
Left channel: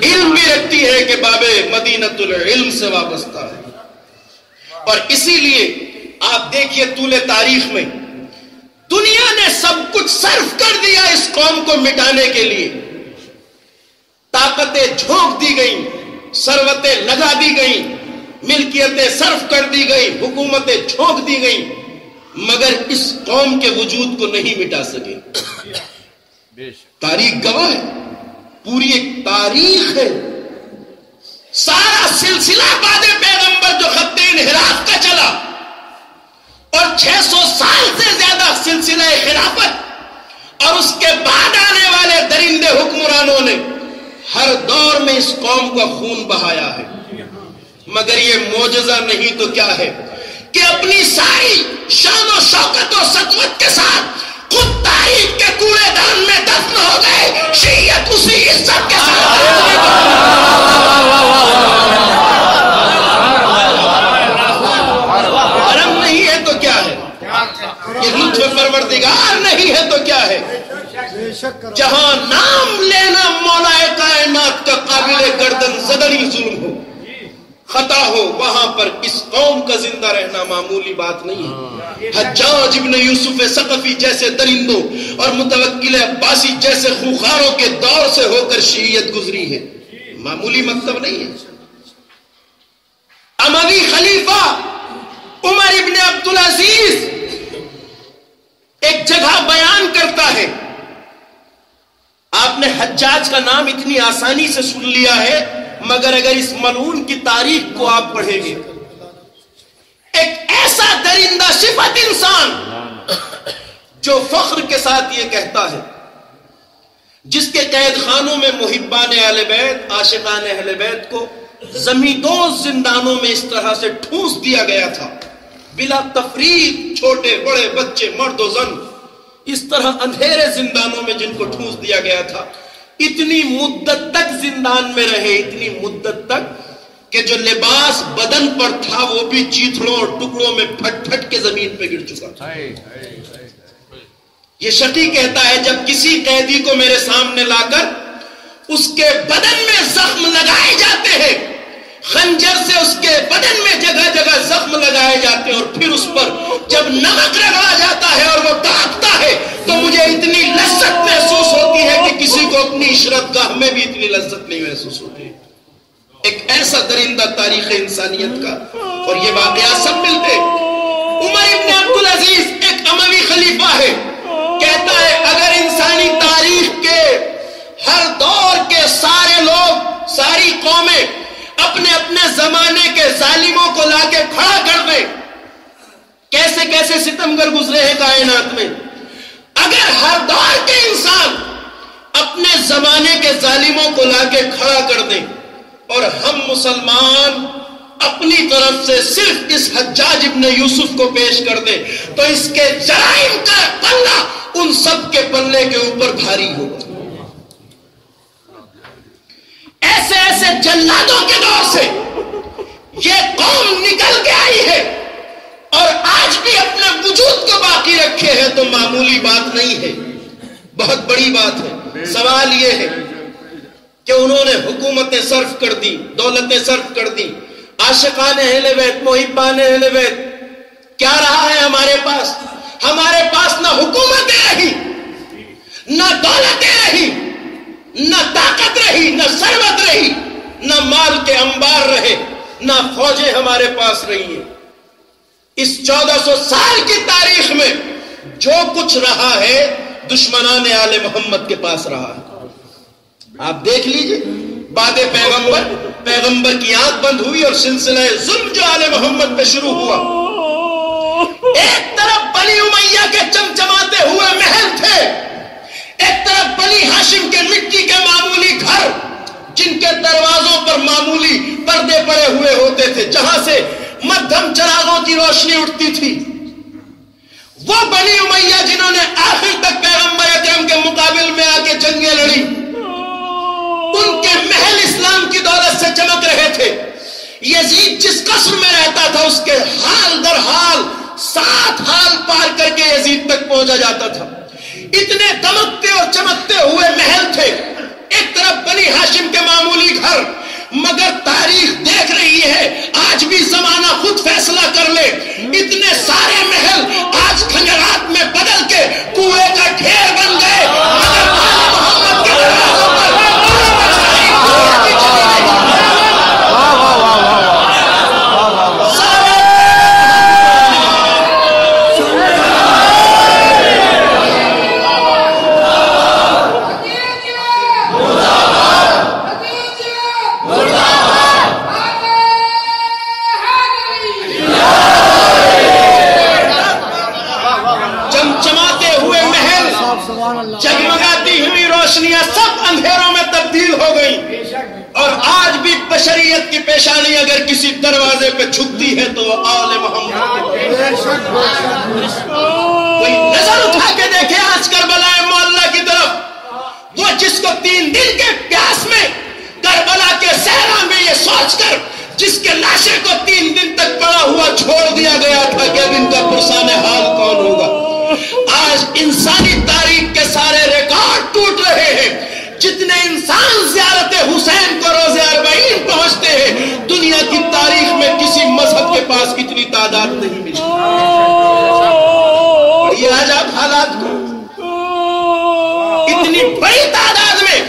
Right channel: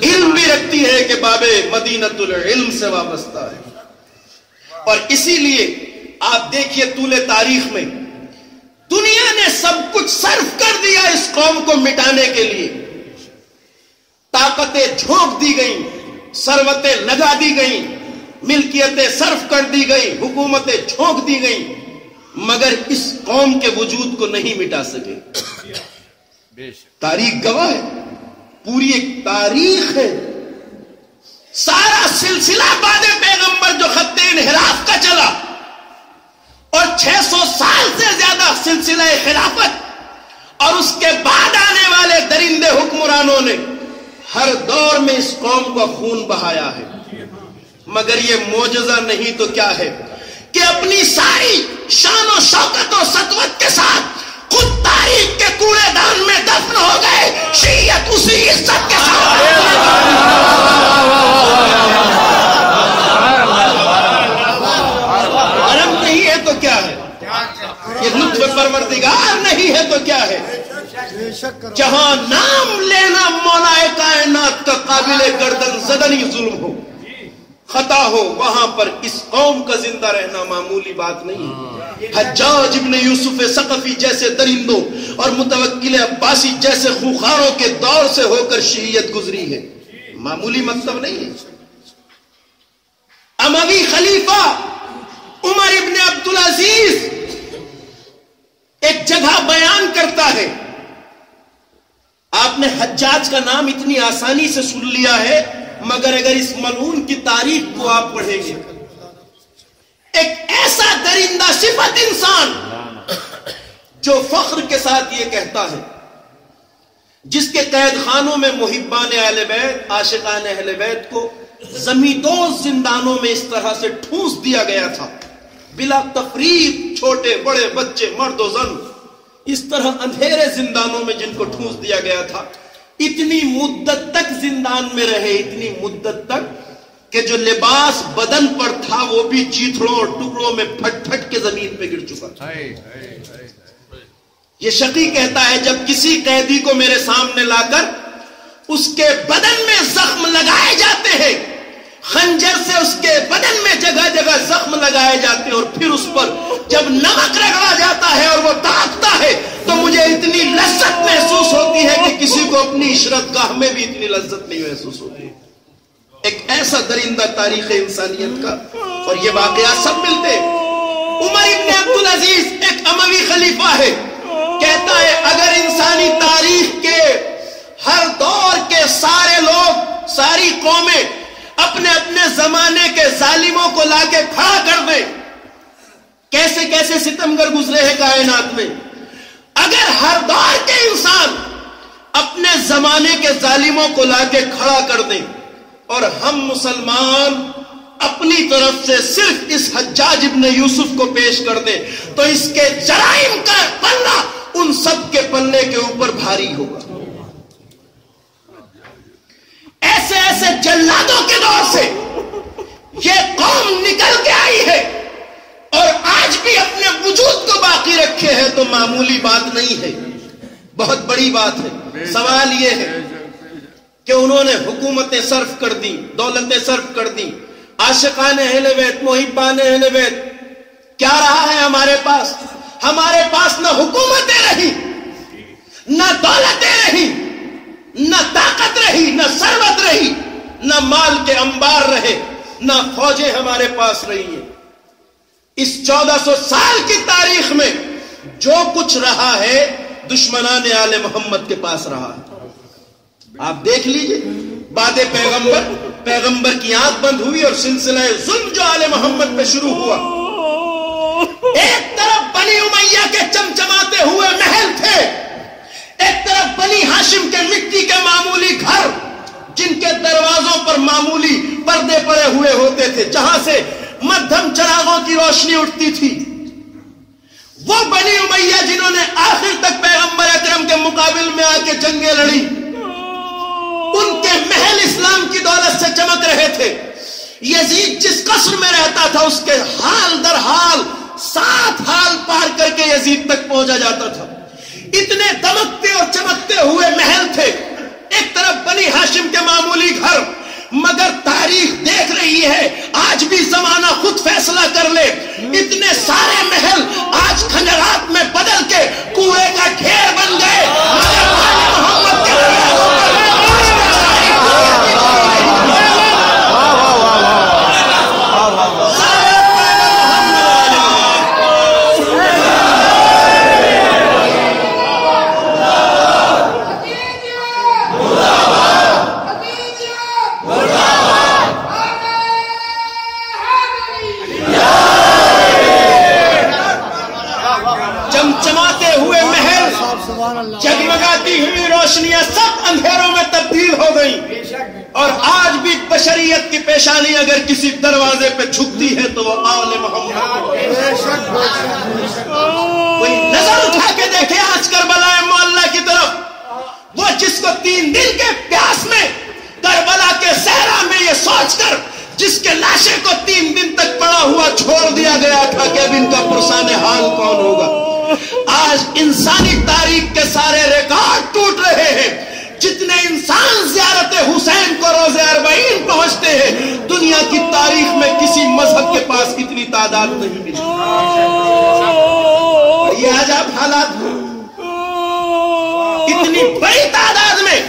علم بھی رکھتی ہے کہ باب مدینۃ العلم سے وابستہ ہے، اور اسی لیے آپ دیکھیے طول تاریخ میں دنیا نے سب کچھ صرف کر دیا اس قوم کو مٹانے کے لیے، طاقتیں جھونک دی گئیں، ثروتیں لگا دی گئیں، ملکیتیں صرف کر دی گئی، حکومتیں جھونک دی گئیں، مگر اس قوم کے وجود کو نہیں مٹا سکے۔ تاریخ گواہ ہے، پوری ایک تاریخ ہے، سارا سلسلہ بعد پیغمبر جو خط انحراف کا چلا، اور 600 سال سے زیادہ سلسلہ خلافت اور اس کے بعد آنے والے درندے حکمرانوں نے ہر دور میں اس قوم کا خون بہایا ہے، مگر یہ معجزہ نہیں تو کیا ہے کہ اپنی ساری شان و شوکت و سطوت کے ساتھ خود تاریخ کے کوڑے دان میں دفن ہو گئے، شیعت اسی عزت کے ساتھ حرم نہیں ہے تو کیا ہے، یہ لطف پروردگار نہیں ہے تو کیا ہے، جہاں نام لینا مولا کائنات کا قابل گردن زدنی ظلم ہو، خطا ہو، وہاں پر اس قوم کا زندہ رہنا معمولی بات نہیں ہے۔ حجاج ابن یوسف ثقفی جیسے درندوں اور متوکل عباسی جیسے خوخاروں کے دور سے ہو کر شیعت گزری ہے، معمولی مکتب نہیں ہے۔ اموی خلیفہ عمر ابن عبدالعزیز ایک جگہ بیان کرتا ہے، آپ نے حجاج کا نام اتنی آسانی سے سن لیا ہے، مگر اگر اس ملعون کی تاریخ کو آپ پڑھیں گے، ایک ایسا درندہ صفت انسان جو فخر کے ساتھ یہ کہتا ہے، جس کے قید خانوں میں محبان اہل بیت، عاشقان اہل بیت کو زمیندوز زندانوں میں اس طرح سے ٹھونس دیا گیا تھا، بلا تفریق، چھوٹے بڑے بچے مرد و زن، اس طرح اندھیرے زندانوں میں جن کو ٹھونس دیا گیا تھا، اتنی مدت تک زندان میں رہے، اتنی مدت تک کہ جو لباس بدن پر تھا وہ بھی چیتھڑوں اور ٹکڑوں میں پھٹ پھٹ کے زمین پہ گر چکا تھا۔ یہ شقی کہتا ہے جب کسی قیدی کو میرے سامنے لا کر اس کے بدن میں زخم لگائے جاتے ہیں، خنجر سے اس کے بدن میں جگہ جگہ زخم لگائے جاتے ہیں، اور پھر اس پر جب نمک رگڑا جاتا ہے اور وہ تڑپتا ہے تو مجھے اتنی لذت محسوس ہوتی ہے کہ کسی کو اپنی عشرت گاہ میں بھی اتنی لذت نہیں محسوس ہوتی۔ ایک ایسا درندہ تاریخ انسانیت کا، اور یہ واقعات سب ملتے۔ عمر ابن عبدالعزیز ایک اموی خلیفہ ہے، کہتا ہے اگر انسانی تاریخ کے ہر دور کے سارے لوگ، ساری قومیں اپنے اپنے زمانے کے ظالموں کو لا کے کھڑا کر دیں، کیسے کیسے ستمگر گزرے ہیں کائنات میں، اگر ہر دور کے انسان اپنے زمانے کے ظالموں کو لا کے کھڑا کر دیں اور ہم مسلمان اپنی طرف سے صرف اس حجاج ابن یوسف کو پیش کر دیں تو اس کے جرائم کا پلہ ان سب کے پلے کے اوپر بھاری ہوگا. ایسے ایسے جلادوں کے دور سے یہ قوم نکل کے آئی ہے اور آج بھی اپنے وجود کو باقی رکھے ہیں تو معمولی بات نہیں ہے، بہت بڑی بات ہے. سوال یہ ہے کہ انہوں نے حکومتیں صرف کر دی، دولتیں صرف کر دی، عاشقان اہل بیت، محبان اہل بیت، کیا رہا ہے ہمارے پاس؟ ہمارے پاس نہ حکومتیں رہی، نہ دولتیں رہی، نہ طاقت رہی، نہ ثروت رہی، نہ مال کے انبار رہے، نہ فوجیں ہمارے پاس رہی ہیں. اس 1400 سال کی تاریخ میں جو کچھ رہا ہے دشمنان آل محمد کے پاس رہا ہے. آپ دیکھ لیجئے بعد پیغمبر کی آنکھ بند ہوئی اور سلسلہ ظلم جو آل محمد پہ شروع ہوا. ایک طرف بنی امیہ کے چمچماتے ہوئے محل تھے، ایک طرف بنی ہاشم کے مٹی کے معمولی گھر جن کے دروازوں پر معمولی پردے پڑے ہوئے ہوتے تھے، جہاں سے مدھم چراغوں کی روشنی اٹھتی تھی. وہ بنی امیہ جنہوں نے آخر تک پیغمبر اکرم کے مقابل میں آ کے جنگیں لڑی، ان کے محل اسلام کی دولت سے چمک رہے تھے. یزید جس قصر میں رہتا تھا اس کے حال در حال 7 حال پار کر کے یزید تک پہنچا جاتا تھا. اتنے دمکتے اور چمکتے ہوئے محل تھے، ایک طرف بنی ہاشم کے معمولی گھر. مگر تاریخ دیکھ رہی ہے، آج بھی زمانہ خود فیصلہ کر لے، اتنے سارے محل آج کھنجرات میں بدل کے کوئے کا ڈھیر بن گئے، مگر آل محمد کے دروازوں پر جگمگاتی ہوئی روشنیاں سب اندھیروں میں تبدیل ہو گئیں. اور آج بھی بشریت کی پیشانی اگر کسی دروازے پہ جھکتی ہے تو وہ آل محمد. کوئی نظر اٹھا کے دیکھے آج کربلا معلیٰ کی طرف، وہ جس کو 3 دن کے پیاس میں کربلا کے صحرا میں یہ سوچ کر جس کے لاشے کو 3 دن تک پڑا ہوا چھوڑ دیا گیا تھا کہ اب ان کا پرسان حال کون ہوگا. آج انسانی تاریخ کے سارے ریکارڈ ٹوٹ رہے ہیں. جتنے انسان زیارت حسین کو روزے 40 پہنچتے ہیں، دنیا کی تاریخ میں کسی مذہب کے پاس اتنی تعداد نہیں ملی. یہ آج آپ حالات کو اتنی بڑی تعداد میں،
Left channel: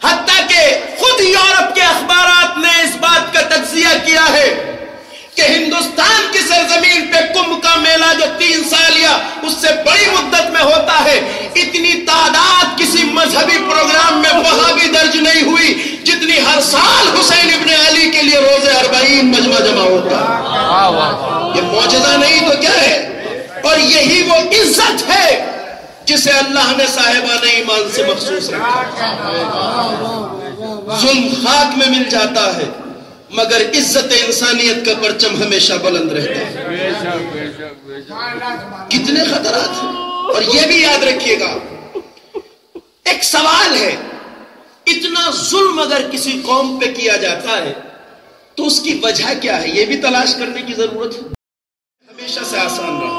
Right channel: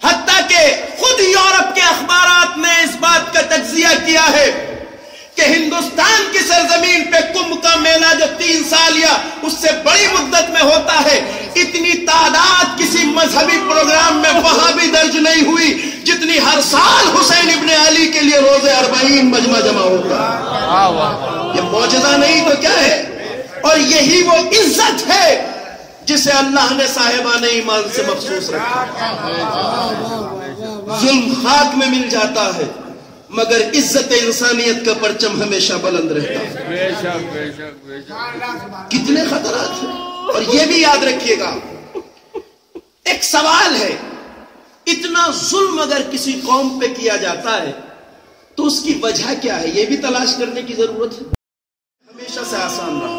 حتیٰ کہ خود یورپ کے اخبارات نے اس بات کا تجزیہ کیا ہے کہ ہندوستان کی سرزمین پہ کمبھ کا میلہ جو 3 سال یا اس سے بڑی مدت میں ہوتا ہے، اتنی تعداد کسی مذہبی پروگرام میں وہاں بھی درج نہیں ہوئی جتنی ہر سال حسین ابن علی کے لیے روزے 40 مجمع جمع ہوتا ہے. یہ معجزہ نہیں تو کیا ہے؟ اور یہی وہ عزت ہے جسے اللہ نے صاحبان ایمان سے مخصوص رکھا. ظلم خاک میں مل جاتا ہے مگر عزت انسانیت کا پرچم ہمیشہ بلند رہتا ہے. کتنے خطرات ہیں. اور یہ بھی یاد رکھیے گا، ایک سوال ہے، اتنا ظلم اگر کسی قوم پہ کیا جاتا ہے تو اس کی وجہ کیا ہے؟ یہ بھی تلاش کرنے کی ضرورت ہے. ہمیشہ سے آسان رہا.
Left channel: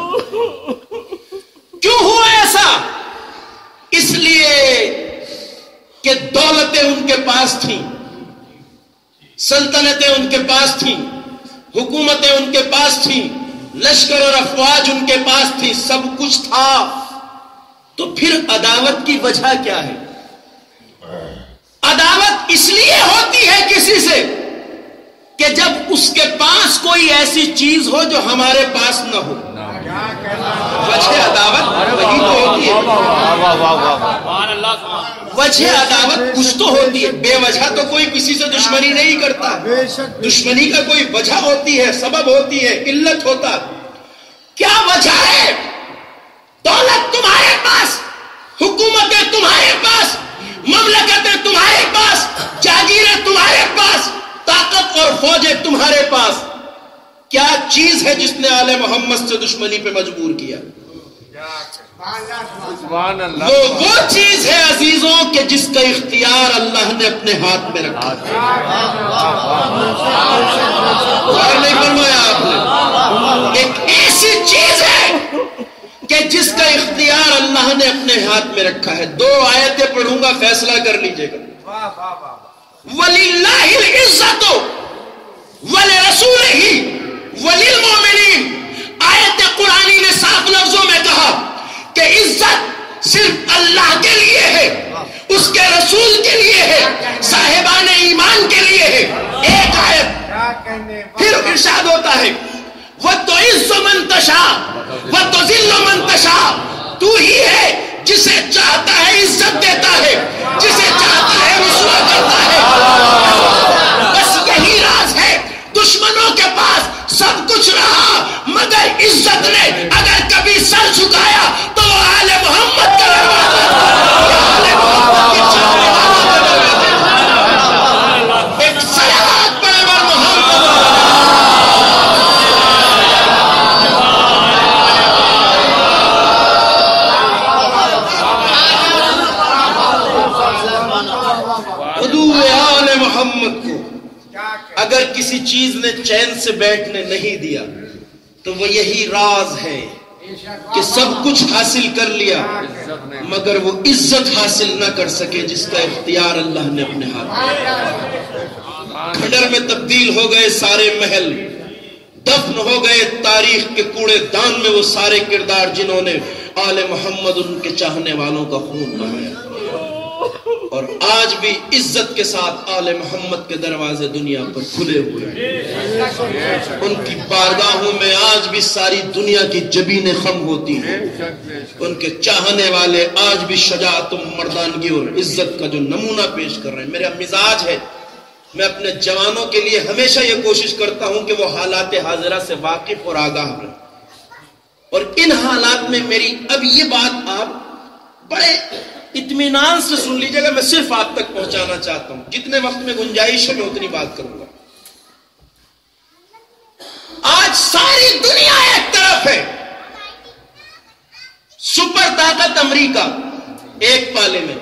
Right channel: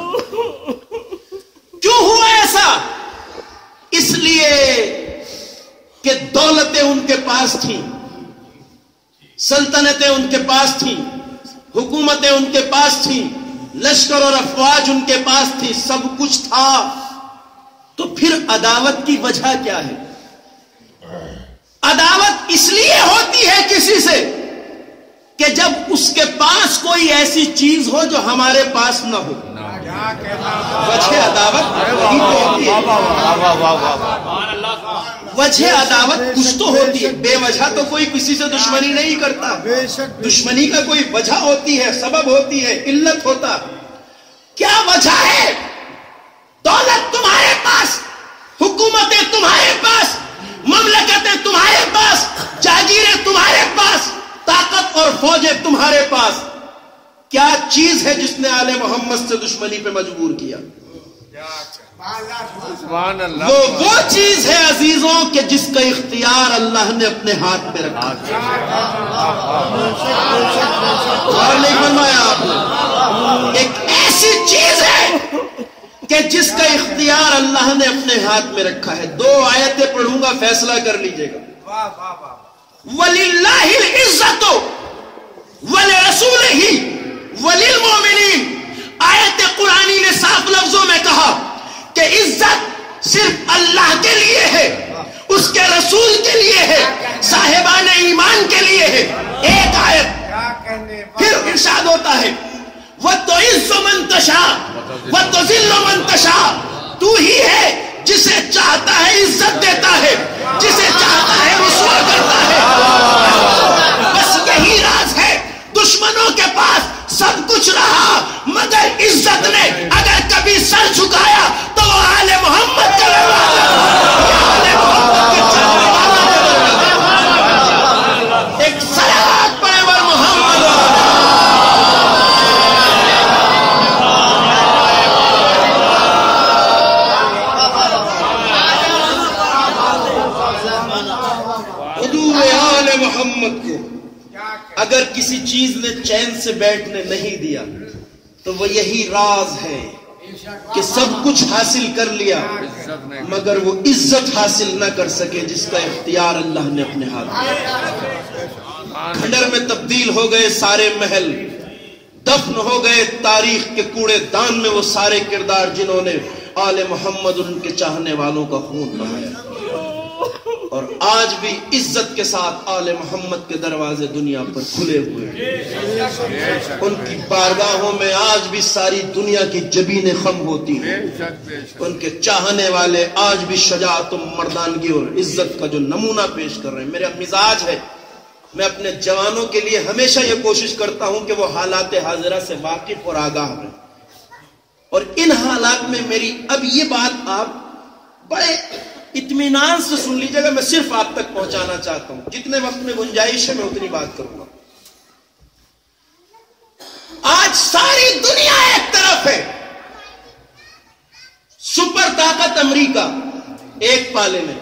کیوں ہوا ایسا؟ اس لیے کہ دولتیں ان کے پاس تھیں، سلطنتیں ان کے پاس تھیں، حکومتیں ان کے پاس تھیں، لشکر اور افواج ان کے پاس تھی، سب کچھ تھا. تو پھر عداوت کی وجہ کیا ہے؟ عداوت اس لیے ہوتی ہے کسی سے کہ جب اس کے پاس کوئی ایسی چیز ہو جو ہمارے پاس نہ ہو. وجہ عداوت وہی تو ہوتی ہے. وجہ عداوت کچھ تو ہوتی ہے. بے وجہ تو کوئی کسی سے دشمنی نہیں کرتا. دشمنی کا کوئی وجہ ہوتی ہے، سبب ہوتی ہے، علت ہوتا ہے. کیا وجہ ہے؟ دولت تمہارے پاس، حکومتیں تمہارے پاس، مملکتیں تمہارے پاس، جاگیریں تمہارے پاس، طاقت اور فوجیں تمہارے پاس. کیا چیز ہے جس نے آل محمد سے دشمنی پہ مجبور کیا؟ وہ چیز ہے عزیزوں کہ جس کا اختیار اللہ نے اپنے ہاتھ میں رکھا. نہیں فرمایا آپ نے؟ ایک ایسی چیز ہے کہ جس کا اختیار اللہ نے اپنے ہاتھ میں رکھا ہے. 2 آیتیں پڑھوں گا، فیصلہ کر لیجئے گا. وَلِلَّهِ الْعِزَّةُ وَلِرَسُولِهِ وَلِلْمُؤْمِنِينَ. آیت قرآنی نے صاف لفظوں میں کہا کہ عزت صرف اللہ کے لیے ہے، اس کے رسول کے لیے ہے، صاحبان ایمان کے لیے ہے. ایک آیت پھر ارشاد ہوتا ہے وَتُعِزُّ مَن تَشَاءُ وَتُذِلُّ مَن تَشَاءُ. تو ہی ہے جسے چاہتا ہے عزت دیتا ہے، جسے چاہتا ہے رسوا کرتا ہے. بس یہی راز ہے. دشمنوں کے پاس سب کچھ رہا مگر عزت نے اگر کبھی سر جھکایا تو وہ آل محمد کا دروازہ تھا. آل محمد کے چاہنے والوں کا دروازہ. ایک صلوات پڑھے بر محمد. حضور آل محمد کو اگر کسی چیز نے چین سے بیٹھنے نہیں دیا تو وہ یہی راز ہے کہ سب کچھ حاصل کر لیا مگر وہ عزت حاصل نہ کر سکے جس کا اختیار اللہ نے اپنے ہاتھ میں. کھنڈر میں تبدیل ہو گئے سارے محل، دفن ہو گئے تاریخ کے کوڑے دان میں وہ سارے کردار جنہوں نے آل محمد ان کے چاہنے والوں کا خون بہایا. اور آج بھی عزت کے ساتھ آل محمد کے دروازے دنیا پر کھلے ہوئے ہیں. ان کی بارگاہوں میں آج بھی ساری دنیا کی جبینیں خم ہوتی ہیں. ان کے چاہنے والے آج بھی شجاعت و مردانگی اور عزت کا جو نمونہ پیش کر رہے ہیں. میرا مزاج ہے میں اپنے جوانوں کے لیے ہمیشہ یہ کوشش کرتا ہوں کہ وہ حالات حاضرہ سے واقف اور آگاہ رہیں. اور ان حالات میں میری اب یہ بات آپ بڑے اطمینان سے سن لیجئے گا، میں صرف آپ تک پہنچانا چاہتا ہوں. جتنے وقت میں گنجائش ہے میں اتنی بات کروں گا. آج ساری دنیا ایک طرف ہے، سپر طاقت امریکہ ایک پالے میں،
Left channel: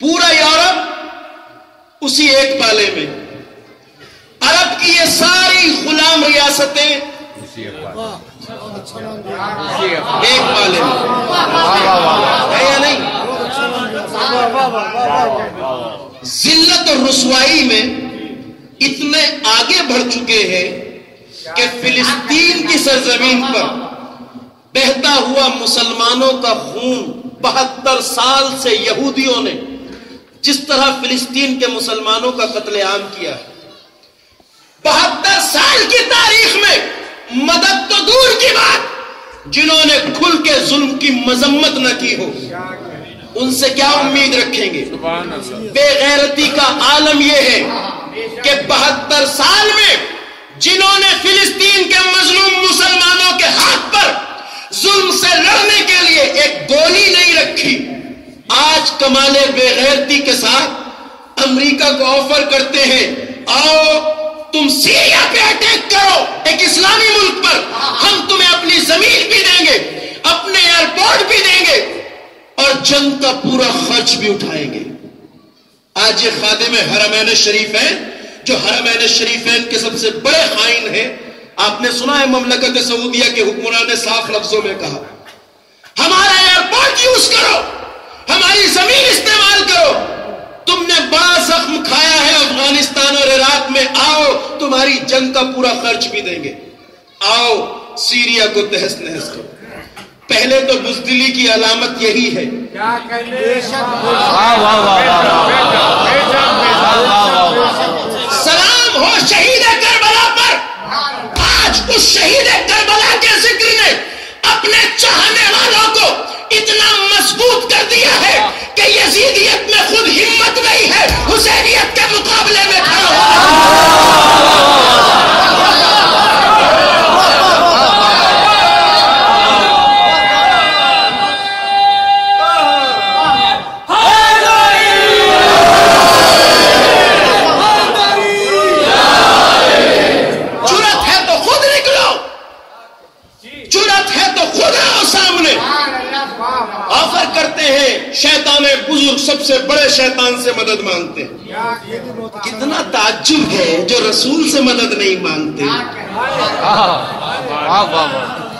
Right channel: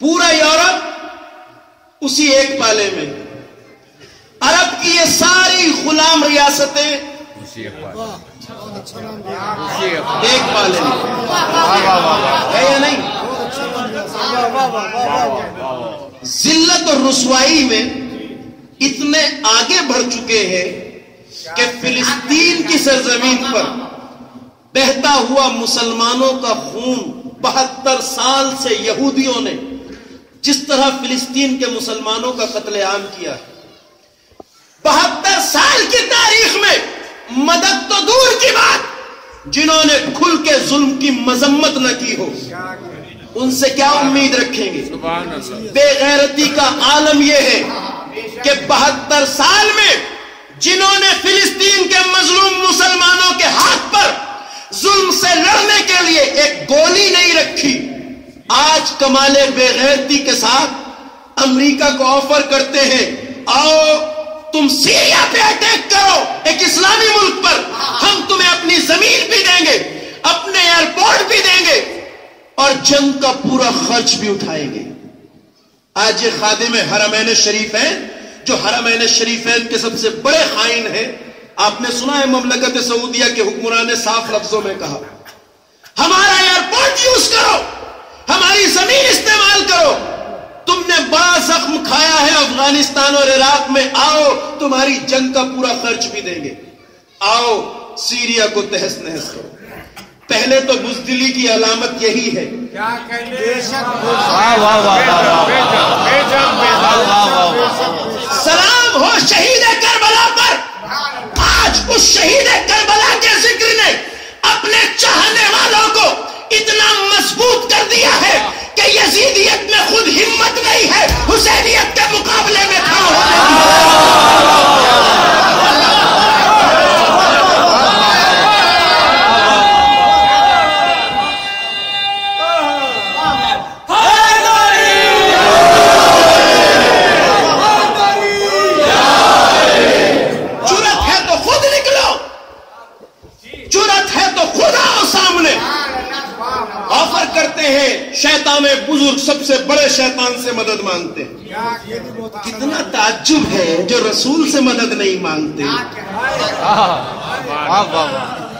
پورا یورپ اسی ایک پالے میں، عرب کی یہ ساری غلام ریاستیں ایک پالے میں ہے یا نہیں؟ ذلت اور رسوائی میں اتنے آگے بڑھ چکے ہیں کہ فلسطین کی سرزمین پر بہتا ہوا مسلمانوں کا خون 72 سال سے یہودیوں نے جس طرح فلسطین کے مسلمانوں کا قتل عام کیا ہے، 72 سال کی تاریخ میں مدد تو دور کی بات، جنہوں نے کھل کے ظلم کی مذمت نہ کی ہو ان سے کیا امید رکھیں گے؟ بے غیرتی کا عالم یہ ہے کہ 72 سال میں جنہوں نے فلسطین کے مظلوم مسلمانوں کے ہاتھ پر ظلم سے لڑنے کے لیے ایک گولی نہیں رکھی، آج کمال بے غیرتی کے ساتھ امریکہ کو آفر کرتے ہیں آؤ تم سیریا پہ اٹیک کرو، ایک اسلامی ملک پر، ہم تمہیں اپنی زمین بھی دیں گے، اپنے ایئرپورٹ بھی دیں گے اور جنگ کا پورا خرچ بھی اٹھائیں گے. آج یہ خادم حرمین شریفین جو حرمین شریفین کے سب سے بڑے خائن ہیں، آپ نے سنا ہے مملکت سعودیہ کے حکمران نے صاف لفظوں میں کہا ہمارا ایئرپورٹ یوز کرو، ہماری زمین استعمال کرو، تم نے بڑا زخم کھایا ہے افغانستان اور عراق میں، آؤ تمہاری جنگ کا پورا خرچ بھی دیں گے، آؤ سیریا کو تہس نہس کرو. پہلے تو بزدلی کی علامت یہی ہے. سلام ہو شہید کربلا پر. آج اس شہید کربلا کے ذکر نے اپنے چاہنے والوں کو اتنا مضبوط کر دیا ہے کہ یزیدیت میں خود ہمت نہیں ہے حسینیت کے مقابلے میں کھڑا ہونے. سامنے آفر کرتے ہیں، شیطان بزرگ سب سے بڑے شیطان سے مدد مانگتے ہیں۔ کتنا تعجب ہے جو رسول سے مدد نہیں مانگتے،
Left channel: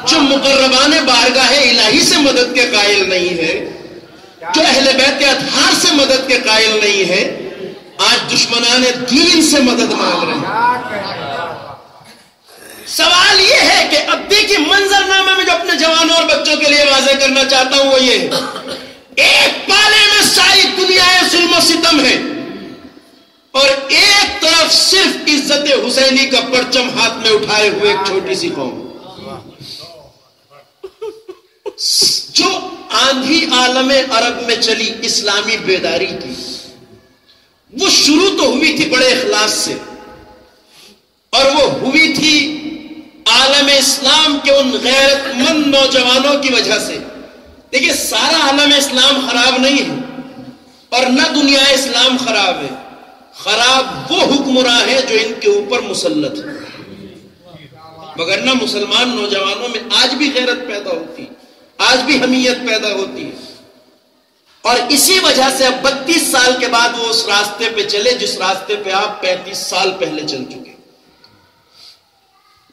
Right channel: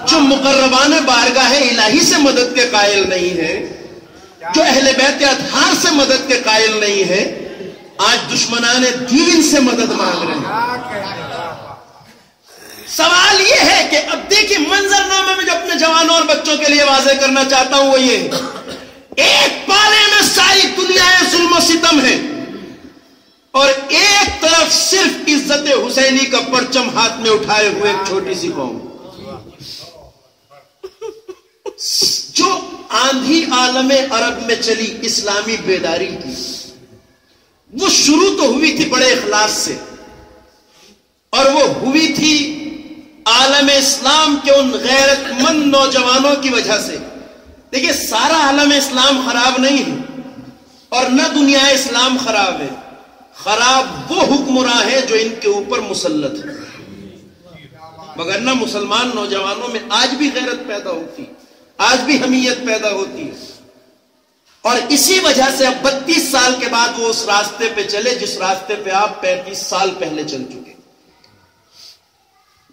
جو مقربان بارگاہ الہی سے مدد کے قائل نہیں ہے، جو اہل بیت اطہار سے مدد کے قائل نہیں ہے، آج دشمنان دین سے مدد مانگ رہے ہیں۔ سوال یہ ہے کہ اب دیکھیں منظر نامے میں جو اپنے جوانوں اور بچوں کے لیے واضح کرنا چاہتا ہوں وہ یہ ہے، ایک پالے میں ساری دنیا ظلم و ستم ہے، اور ایک طرف صرف عزت حسینی کا پرچم ہاتھ میں اٹھائے ہوئے ایک چھوٹی سی قوم، جو آندھی عالم عرب میں چلی اسلامی بیداری کی، وہ شروع تو ہوئی تھی بڑے اخلاص سے، اور وہ ہوئی تھی عالم اسلام کے ان غیرت مند نوجوانوں کی وجہ سے۔ دیکھیے سارا عالم اسلام خراب نہیں ہے، اور نہ دنیا اسلام خراب ہے، خراب وہ حکمراں ہیں جو ان کے اوپر مسلط ہیں، مگر نہ مسلمان نوجوانوں میں آج بھی غیرت پیدا ہوتی، آج بھی حمیت پیدا ہوتی ہے، اور اسی وجہ سے اب 32 سال کے بعد وہ اس راستے پہ چلے جس راستے پہ آپ 35 سال پہلے چل چکے۔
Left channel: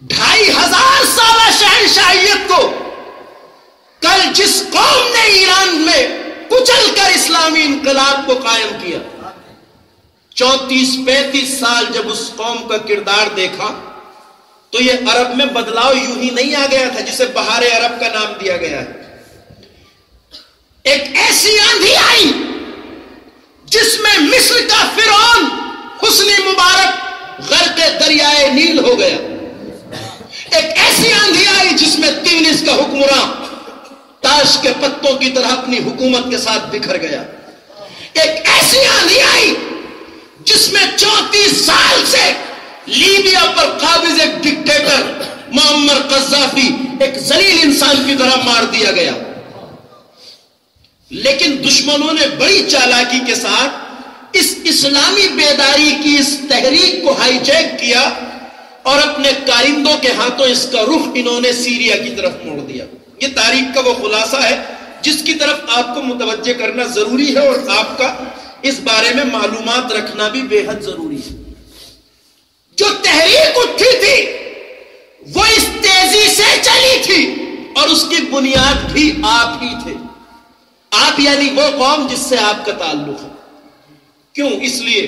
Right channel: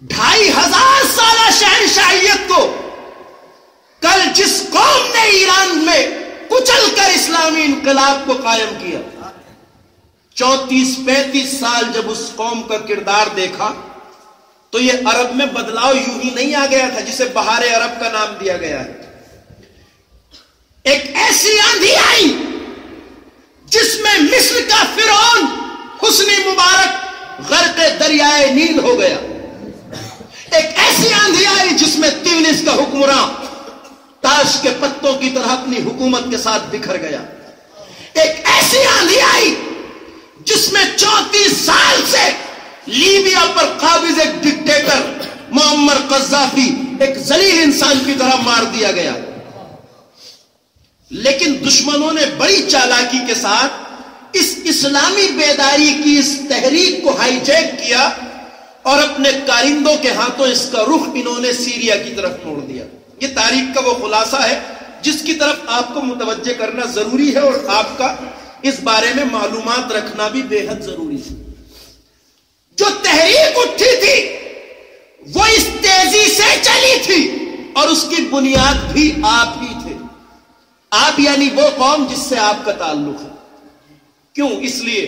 2500 سالہ شہنشاہیت کو کل جس قوم نے ایران میں کچل کر اسلامی انقلاب کو قائم کیا، 34-35 سال جب اس قوم کا کردار دیکھا تو یہ عرب میں بدلاؤ یوں ہی نہیں آ گیا تھا جسے بہار عرب کا نام دیا گیا ہے۔ ایک ایسی آندھی آئی جس میں مصر کا فرعون حسنی مبارک غرق دریائے نیل ہو گیا، ایک ایسی آندھی آئی جس میں تیونس کا حکمراں تاش کے پتوں کی طرح اپنی حکومت کے ساتھ بکھر گیا، ایک ایسی آندھی آئی جس میں 34 سال سے لیبیا پر قابض ایک ڈکٹیٹر معمر قذافی ایک ذلیل انسان کی طرح مار دیا گیا، لیکن دشمنوں نے بڑی چالاکی کے ساتھ اس اسلامی بیداری کی اس تحریک کو ہائی جیک کیا اور اپنے کارندوں کے ہاتھوں اس کا رخ انہوں نے سیریا کی طرف موڑ دیا۔ یہ تاریخ کا وہ خلاصہ ہے جس کی طرف آپ کو متوجہ کرنا ضروری ہے، اور آپ کا اس بارے میں معلومات رکھنا بھی بے حد ضروری ہے۔ جو تحریک اٹھی تھی وہ اس تیزی سے چلی تھی، اور اس کی بنیاد بھی آپ ہی تھے، آپ یعنی وہ قوم جس سے آپ کا تعلق ہے۔ کیوں؟ اس لیے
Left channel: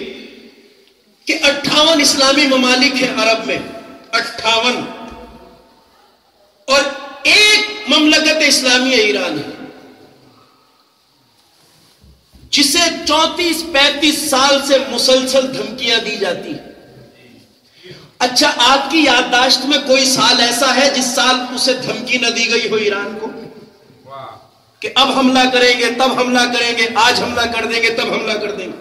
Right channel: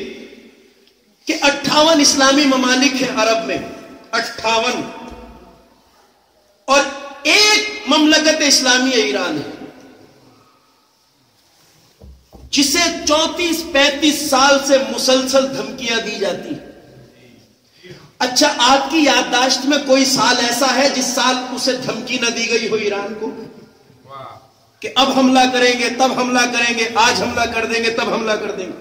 کہ 58 اسلامی ممالک ہیں عرب میں، 58، اور ایک مملکت اسلامی ایران ہے جسے 34-35 سال سے مسلسل دھمکیاں دی جاتی ہیں۔ اچھا آپ کی یادداشت میں کوئی سال ایسا ہے جس سال اسے دھمکی نہ دی گئی ہو ایران کو کہ اب حملہ کریں گے، تب حملہ کریں گے، آج حملہ کر دیں گے، تب حملہ کر دیں گے؟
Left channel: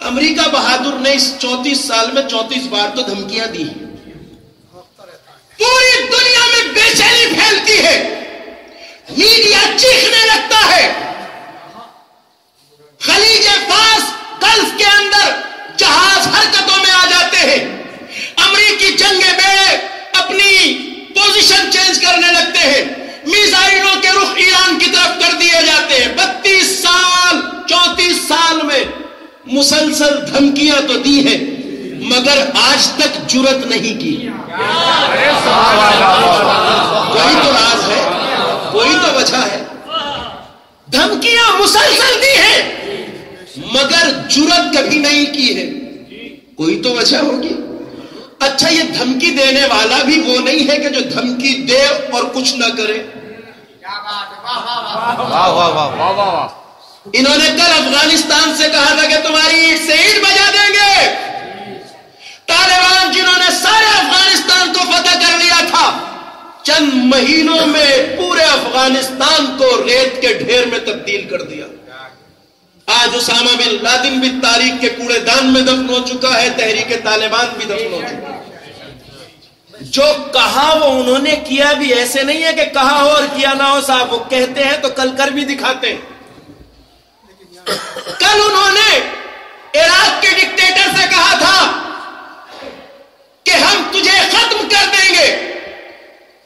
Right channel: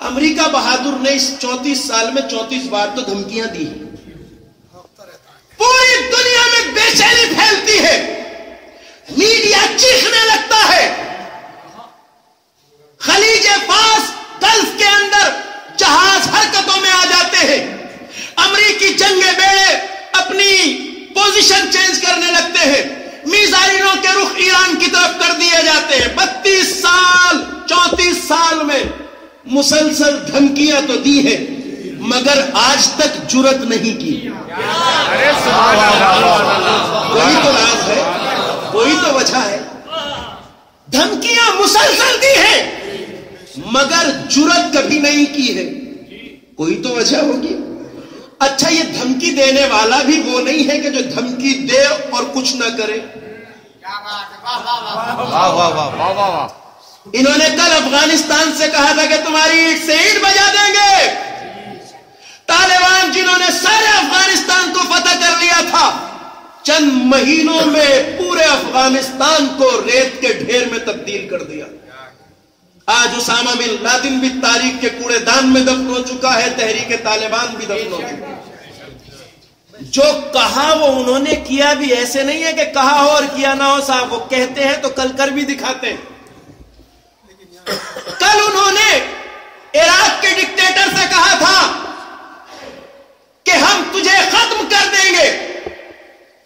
امریکہ بہادر نے اس 34 سال میں 34 بار تو دھمکیاں دی۔ پوری دنیا میں بے چینی پھیلتی ہے، میڈیا چیخنے لگتا ہے، خلیج فارس گلف کے اندر جہاز حرکتوں میں آ جاتے ہیں، امریکی جنگے بیڑے اپنی پوزیشن چینج کرنے لگتے ہیں، میزائلوں کے رخ ایران کی طرف کر دیے جاتے ہیں۔ 32 سال 34 سال میں مسلسل دھمکیاں تو دی ہیں مگر آج تک جرت نہیں کی۔ کوئی تو راز ہے، کوئی تو وجہ ہے۔ دھمکیاں مسلسل دی ہیں مگر جرت کبھی نہیں کی ہے، کوئی تو وجہ ہوگی۔ اچھا یہ دھمکی دینے والا بھی وہ نہیں ہے کہ جو دھمکی دے اور کچھ نہ کرے۔ انہوں نے کل افغانستان سے کہا تھا کہ تمہاری اینٹ سے اینٹ بجا دیں گے۔ طالبان جنہوں نے سارے افغانستان کو فتح کر لیا تھا، چند مہینوں میں پورے افغانستان کو ریت کے ڈھیر میں تبدیل کر دیا۔ آج اسامہ بن لادن بھی تاریخ کے کوڑے دان میں دفن ہو چکا ہے، تحریک طالبان بھی دفن ہو چکا ہے۔ جو کہا وہ انہوں نے کیا بھی، ایسے نہیں ہے کہ کہا ہو اور کیا نہ ہو صاحب، وہ کہتے ہیں تو کل کر بھی دکھاتے ہیں۔ کل انہوں نے عراق کے ڈکٹیٹر سے کہا تھا کہ ہم تجھے ختم کر دیں گے،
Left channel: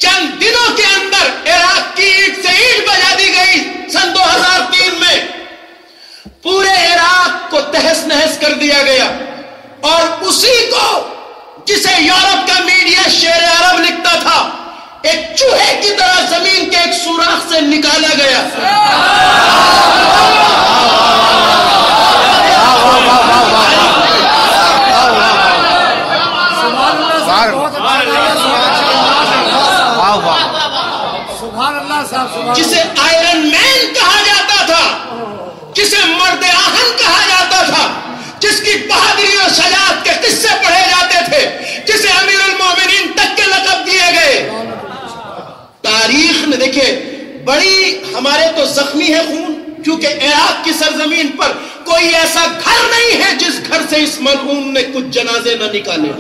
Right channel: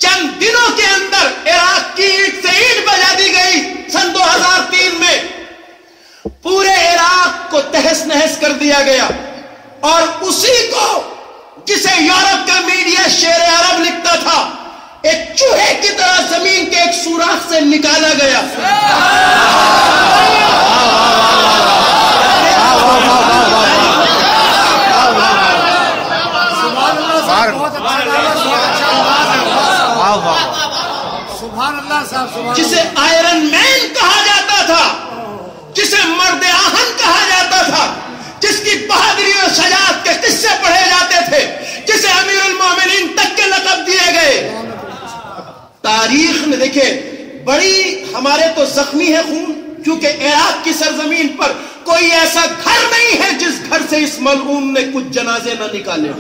چند دنوں کے اندر عراق کی اینٹ اور اسی کو جسے یورپ کا میڈیا شیر عرب لکھتا تھا ایک چوہے کی طرح زمین کے ایک سوراخ سے نکالا گیا. جسے آئرن مین کہا جاتا تھا, جسے مرد آہن کہا جاتا تھا, جس کی بہادری اور شجاعت کے قصے پڑھے جاتے تھے, جسے امیر المومنین تک کے لقب دیے گئے. تاریخ نے دیکھے بڑی ہمارے تو زخمی ہے خون, کیونکہ عراق کی سرزمین پر کوئی ایسا گھر نہیں ہے جس گھر سے اس ملعون نے کچھ جنازے نہ نکالے.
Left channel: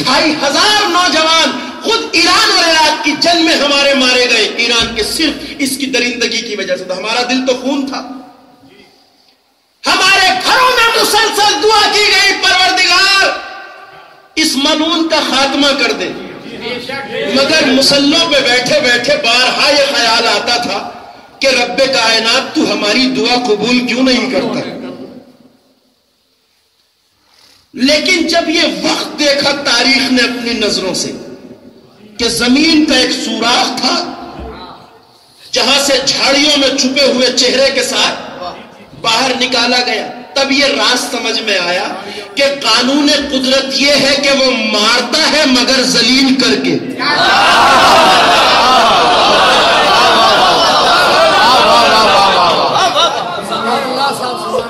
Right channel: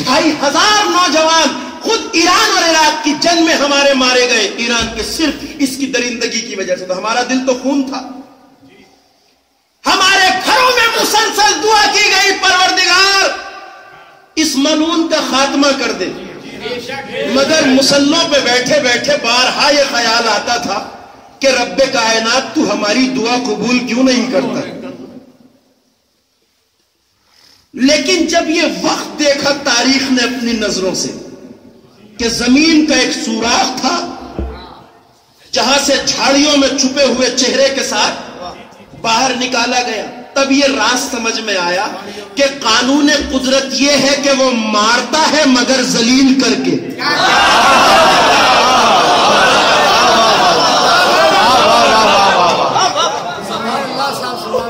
2500 نوجوان خود ایران اور عراق کی جنگ میں ہمارے مارے گئے, ایران کے صرف اس کی درندگی کی وجہ سے. تو ہمارا دل تو خون تھا. ہمارے گھروں میں مسلسل دعا کی گئی, پروردگار اس ملعون کا خاتمہ کر دے. مگر مسلوں پہ بیٹھے بیٹھے بارہا یہ خیال آتا تھا کہ رب کائنات تو ہماری دعا قبول کیوں نہیں کرتا. لیکن جب یہ وقت دیکھا تاریخ نے اپنی نظروں سے کہ زمین کا ایک سوراخ تھا جہاں سے جھاڑیوں میں چھپے ہوئے چہرے کے ساتھ باہر نکالا گیا, تب یہ راز سمجھ میں آیا کہ قانون قدرت یہ ہے کہ وہ مارتا ہے مگر ذلیل کر کے.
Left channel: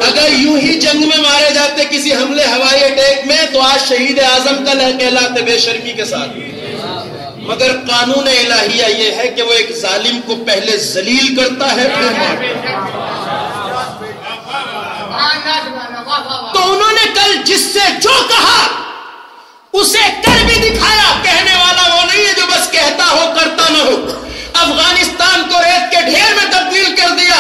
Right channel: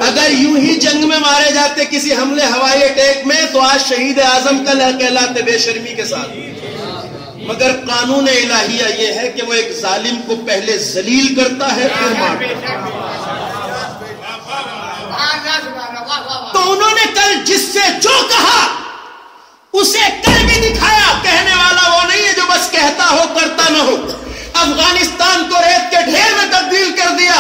اگر یوں ہی جنگ میں مارے جاتے کسی حملے ہوائی اٹیک میں تو آج شہید اعظم کا کہلاتے بے شرمی کے ساتھ. مگر قانون الہیہ یہ ہے کہ وہ ایک ظالم کو پہلے ذلیل کرتا ہے پھر مارتا. تو انہوں نے کل جس سے جو کہا اسے کر بھی دکھایا. کہنے والا وہ نہیں ہے جو بس کہتا ہو کرتا نہ ہو. افغانستان کو ریت کے ڈھیر میں تبدیل کر دیا,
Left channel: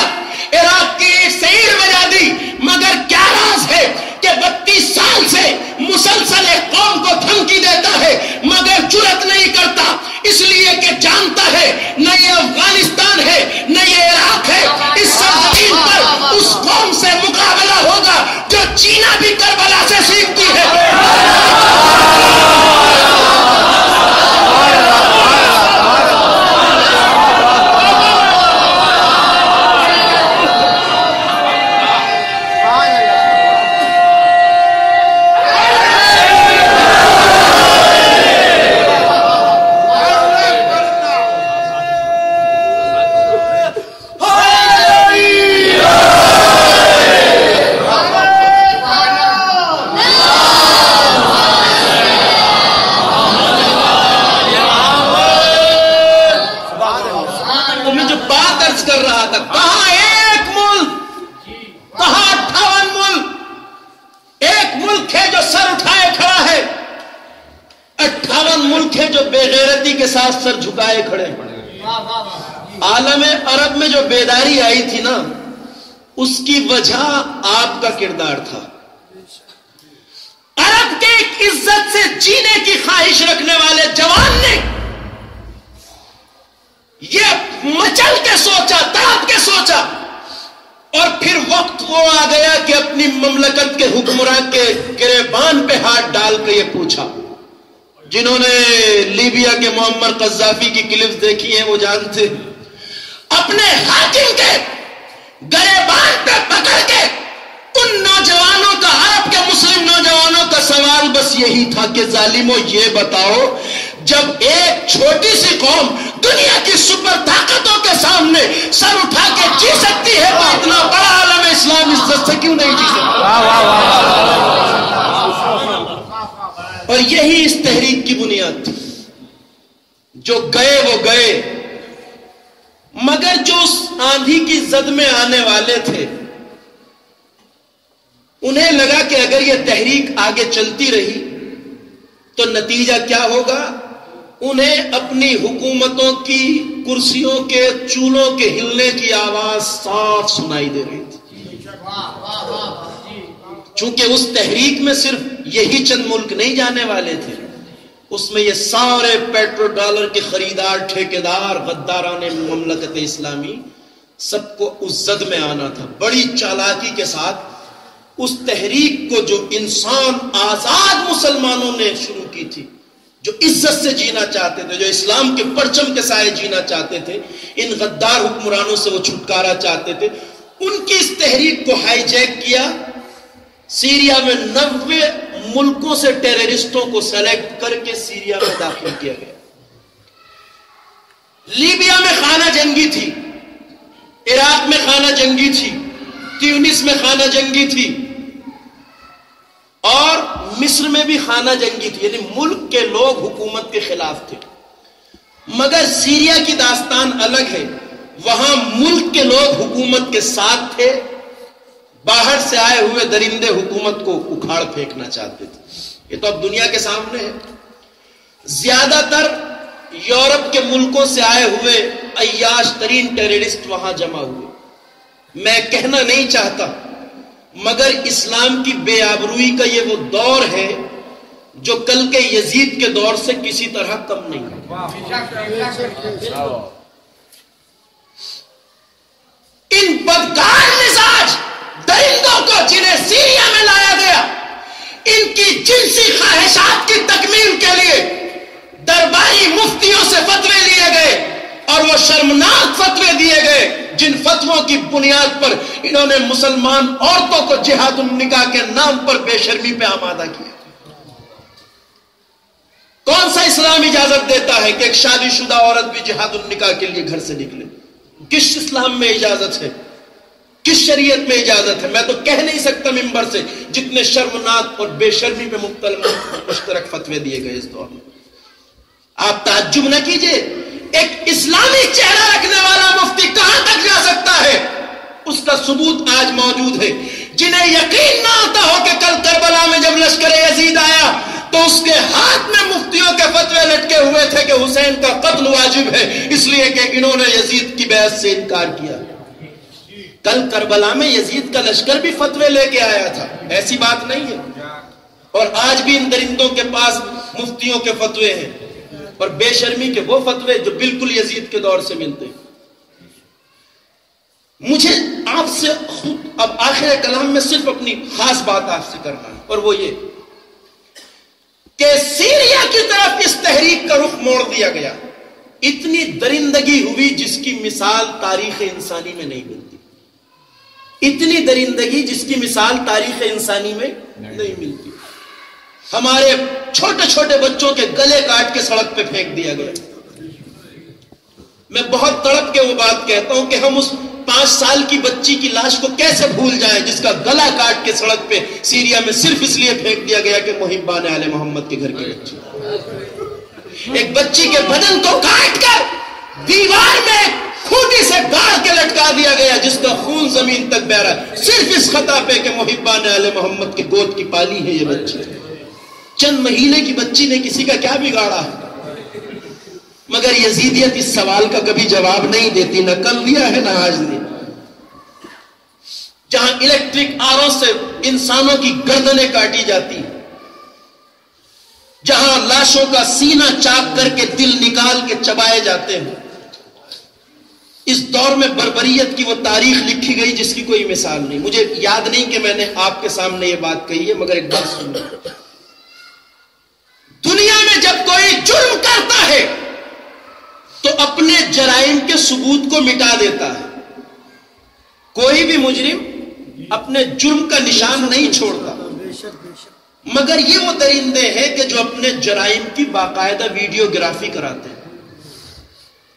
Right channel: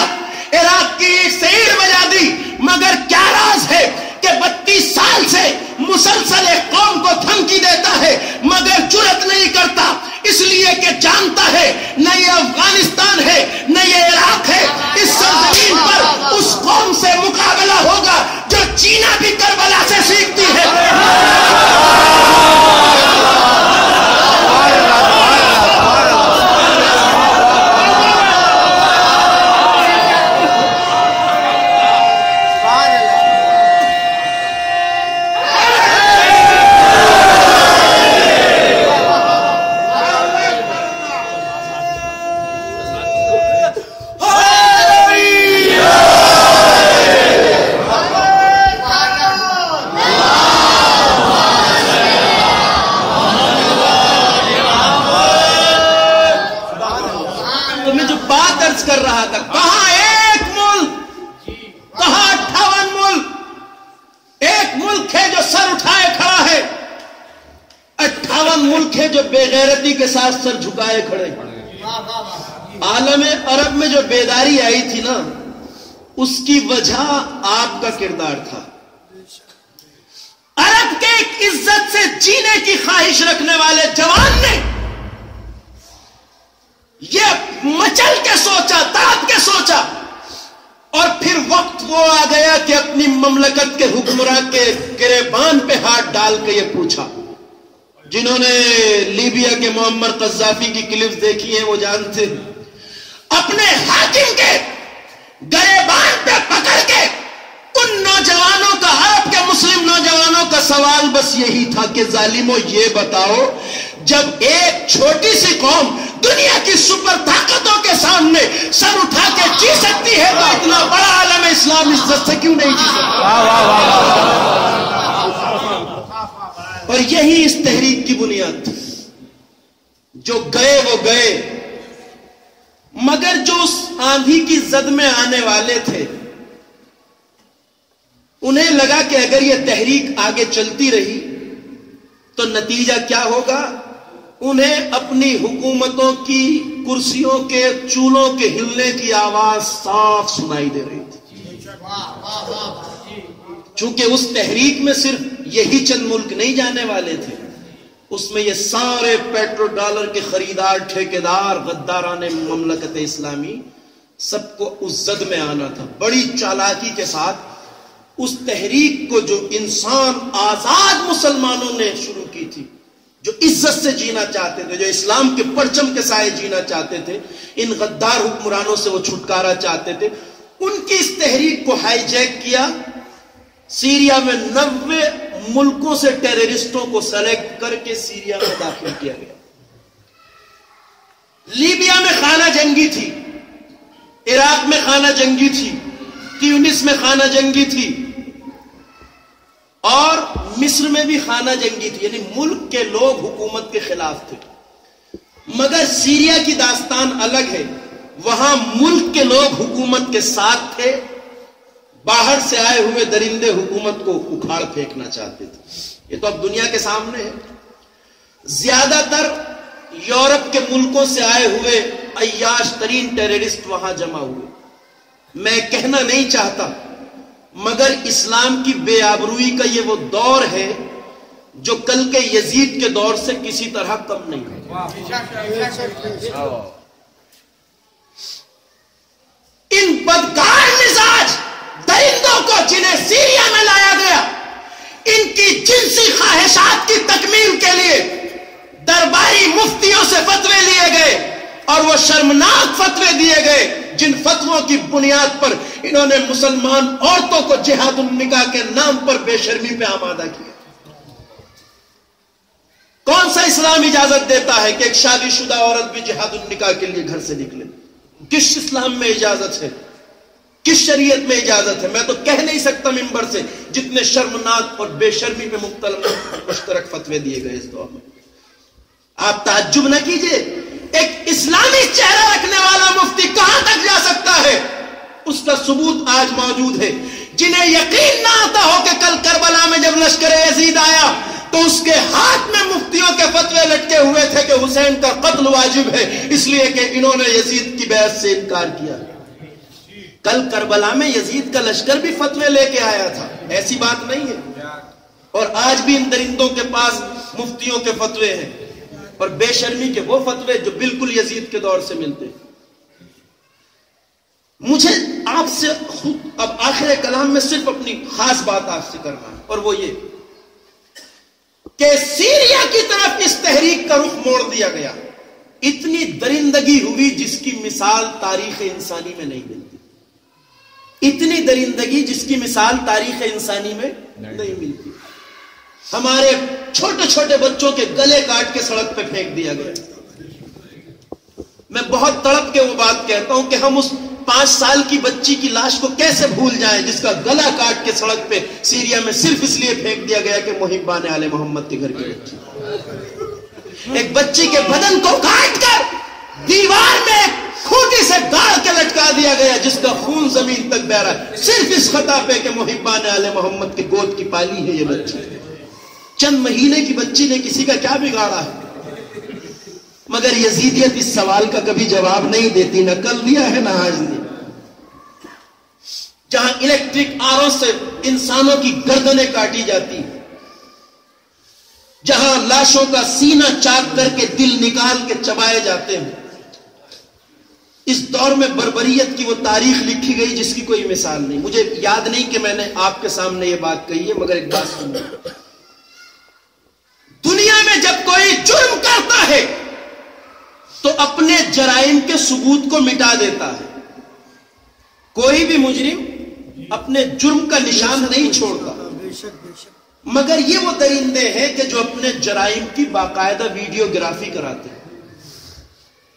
عراق کی سیر بجا دی. مگر کیا راز ہے کہ 32 سال سے مسلسل ایک قوم کو دھمکی دیتا ہے مگر جرأت نہیں کرتا, اس لیے کہ جانتا ہے نہ یہ افغانستان ہے نہ یہ عراق ہے. اس سرزمین پر اس قوم سے مقابلہ ہوگا جو چینا بھی کربلا سے سیکھتی ہے. کر رہا تھا کہاں ایک ملک, کہاں 58 ملک. ایک ملک ہے جو سر اٹھائے کھڑا ہے, 58 ملک ہے جو بے غیرتی کے ساتھ سر جھکائے کھڑے. عالم عرب میں جو بیداری آئی تھی نا, اس کی وجہ آپ کا کردار تھا. عرب کے ایک عزت سے جینے کی خواہش رکھنے والے جوان نے یہ مچل کے سوچا, تڑپ کے سوچا, اور پھر وقت وہ آ گیا کہ اپنی مملکت کے حکمراں کے گریبان پہ ہاتھ ڈال کے یہ پوچھا. جنہوں نے لیبیا کے معمر قذافی کی کلپس دیکھی ہیں وہ جانتے, اپنے حاکم کے گریبان پہ پکڑ کے ان نوجوانوں کا, عرب کے مسلم نوجوانوں کا سوال بس یہی تھا کہ ظالموں یہ بتاؤ, جب ایک چھوٹی سی قوم دنیا کی سپر طاقتوں کے سامنے سر اٹھا کے جی سکتی ہے تو اتنا بڑا عالم اسلام عزت سے کیوں نہیں جی سکتا؟ اور یہی اس تحریک کی بنیاد تھی. جو گئے وہ گئے, مگر جو اس آندھی کی زد میں آنے والے تھے انہیں لگا کہ اگر یہ تحریک آگے چلتی رہی تو نتیجہ کیا ہوگا. انہیں اپنی حکومتوں کی کرسیوں کے چولوں کے ہلنے کی آواز صاف سنائی دے رہی تھی. چونکہ اس تحریک میں صرف یہی چند ملک نہیں جانے والے تھے, اس میں یہ سارے پیٹرو ڈالر کے خریدار, ٹھیکیدار, غداران مملکت اسلامی, سب کو اس زد میں آنا تھا. بڑی چالاکی کے ساتھ اس تحریک کو جو انسان آزاد مسلمانوں نے شروع کی تھی، جو عزت سے جینا چاہتے تھے، جو اسلام کے پرچم کے سائے جینا چاہتے تھے، ان غدار حکمرانوں سے وہ چھٹکارا چاہتے تھے، ان کی اس تحریک کو ہائی جیک کیا. سیریا میں 90 ملکوں سے ٹیررسٹوں کو سلیکٹ کر کے سیریا میں داخل کیا گیا. لیبیا میں خانہ جنگی تھی، عراق میں خانہ جنگی تھی، تیونس میں خانہ جنگی تھی، اور مصر میں بھی خانہ جنگی تھی. یعنی ملک کے لوگ حکومت کے خلاف تھے. مگر سیریا کی داستان الگ ہے. وہاں ملک کے لوگ حکومت کے ساتھ تھے، باہر سے آئے ہوئے درندے حکومت کو اکھاڑ پھینکنا چاہتے تھے. یہ تو اب دنیا کے سامنے ہے. زیادہ تر یورپ کے ملکوں سے آئے ہوئے عیاش ترین ٹیررسٹ وہاں جمع ہوئے. میں کہنا نہیں چاہتا، مگر اسلام کی بے آبروئی کا یہ وہ دور ہے جو کل کے یزید کے دور سے کسی طرح کم نہیں ہے. ان بدکار مزاج درندوں کو جنہیں سیریا میں لایا گیا، ان کی جنسی خواہشات کی تکمیل کے لیے درباری مفتیوں سے فتوے لیے گئے، اور وہ شرمناک فتوے دیے گئے جن فتووں کی بنیاد پر انہوں نے مسلمان عورتوں کو جہاد النکاح کے نام پر بے شرمی پہ آمادہ کیا. کون سا اسلام اجازت دیتا ہے کہ ایک شادی شدہ عورت بھی جہاد النکاح کے لیے گھر سے نکلے؟ کس اسلام میں اجازت ہے؟ کس شریعت میں اجازت ہے؟ میں تو کہہ نہیں سکتا ممبر سے جتنے شرمناک اور بے شرمی پہ مبتلا مشترک فتوے دیے گئے اس دور میں. آپ تعجب نہ کیجئے، ایک اسلامی چہرہ رکھنے والا مفتی کہاں تک جا سکتا ہے؟ اس کا ثبوت آج موجود ہے. جنہیں یقین نہ آتا ہو کہ کل کربلا میں جب لشکر یزید آیا تو اس کے ہاتھ میں مفتیوں کے فتوے لٹکے ہوئے تھے کہ حسین کا قتل واجب ہے، اس لیے کہ انہوں نے یزید کی بیعت سے انکار کیا. کل کربلا میں یزید کا لشکر بھی فتوے لے کے آیا تھا، ایسی بات نہیں ہے. اور آج بھی ان درندوں کے پاس مفتیوں کے فتوے ہیں، اور بے شرمی کے وہ فتوے جو بالکل یزید کے دور سے ملتے ہیں. مجھے آپ سے خود اب آخر کلام میں صرف اپنی خاص بات آپ سے کرنا ہے، اور وہ یہ کہ سیریا کی طرف اس تحریک کا رخ موڑ دیا گیا. اتنی درندگی ہوئی جس کی مثال تاریخ انسانی میں نہیں ملتی. اتنی درندگی جس کی مثال تاریخ انسانی میں نہیں ملتی. ہمارے چھوٹے چھوٹے بچوں کے گلے کاٹ کے سڑک پہ پھینک دیا گیا. میں بہت تڑپ کے وہ بات کہتا ہوں کہ ہم اس 5 سال کی بچی کی لاش کو کیسے بھول جائیں جس کا گلا کاٹ کے سڑک پہ سیریا میں صرف اس لیے پھینک دیا گیا کہ محبان آل محمد کے گھر کی بچی. ایک بچی کے بدن کو کاٹ کر دیوار میں کھوٹی سے گاڑ کے لٹکا دیا گیا جس کا خون زمین تک بہ رہا ہے، صرف اس خطا پہ کہ محبان آل محمد کے گود کی پالی ہے یہ بچی. چند مہینے کی بچی نے کسی کا کیا بگاڑا ہے؟ مگر یزیدیت اس سوال کا کبھی جواب نہیں دیتی، نہ کل دیا ہے نہ آج دیا. جہاں الیکٹرک آروں سے انسانوں کی گردنیں کاٹی جاتی، جہاں لاشوں کا سینہ چاک کر کے دل نکال کے چبائے جاتے ہیں، اس دور میں بربریت کی وہ تاریخ لکھی گئی جس کی کوئی مثال نہیں. مجھے یاد نہیں کہ میں نے آپ کے سامنے یہ بات کہی ہے، مگر ایک بات سنو. دنیا میں جب کوئی جرم کرتا ہے تو اپنے جرائم کے ثبوت کو مٹا دیتا ہے. کوئی بھی مجرم اپنے جرم کا نشان نہیں چھوڑتا، مگر یہ وہ درندے ہیں کہ جو اپنے جرائم کی باقاعدہ ویڈیوگرافی کراتے ہیں،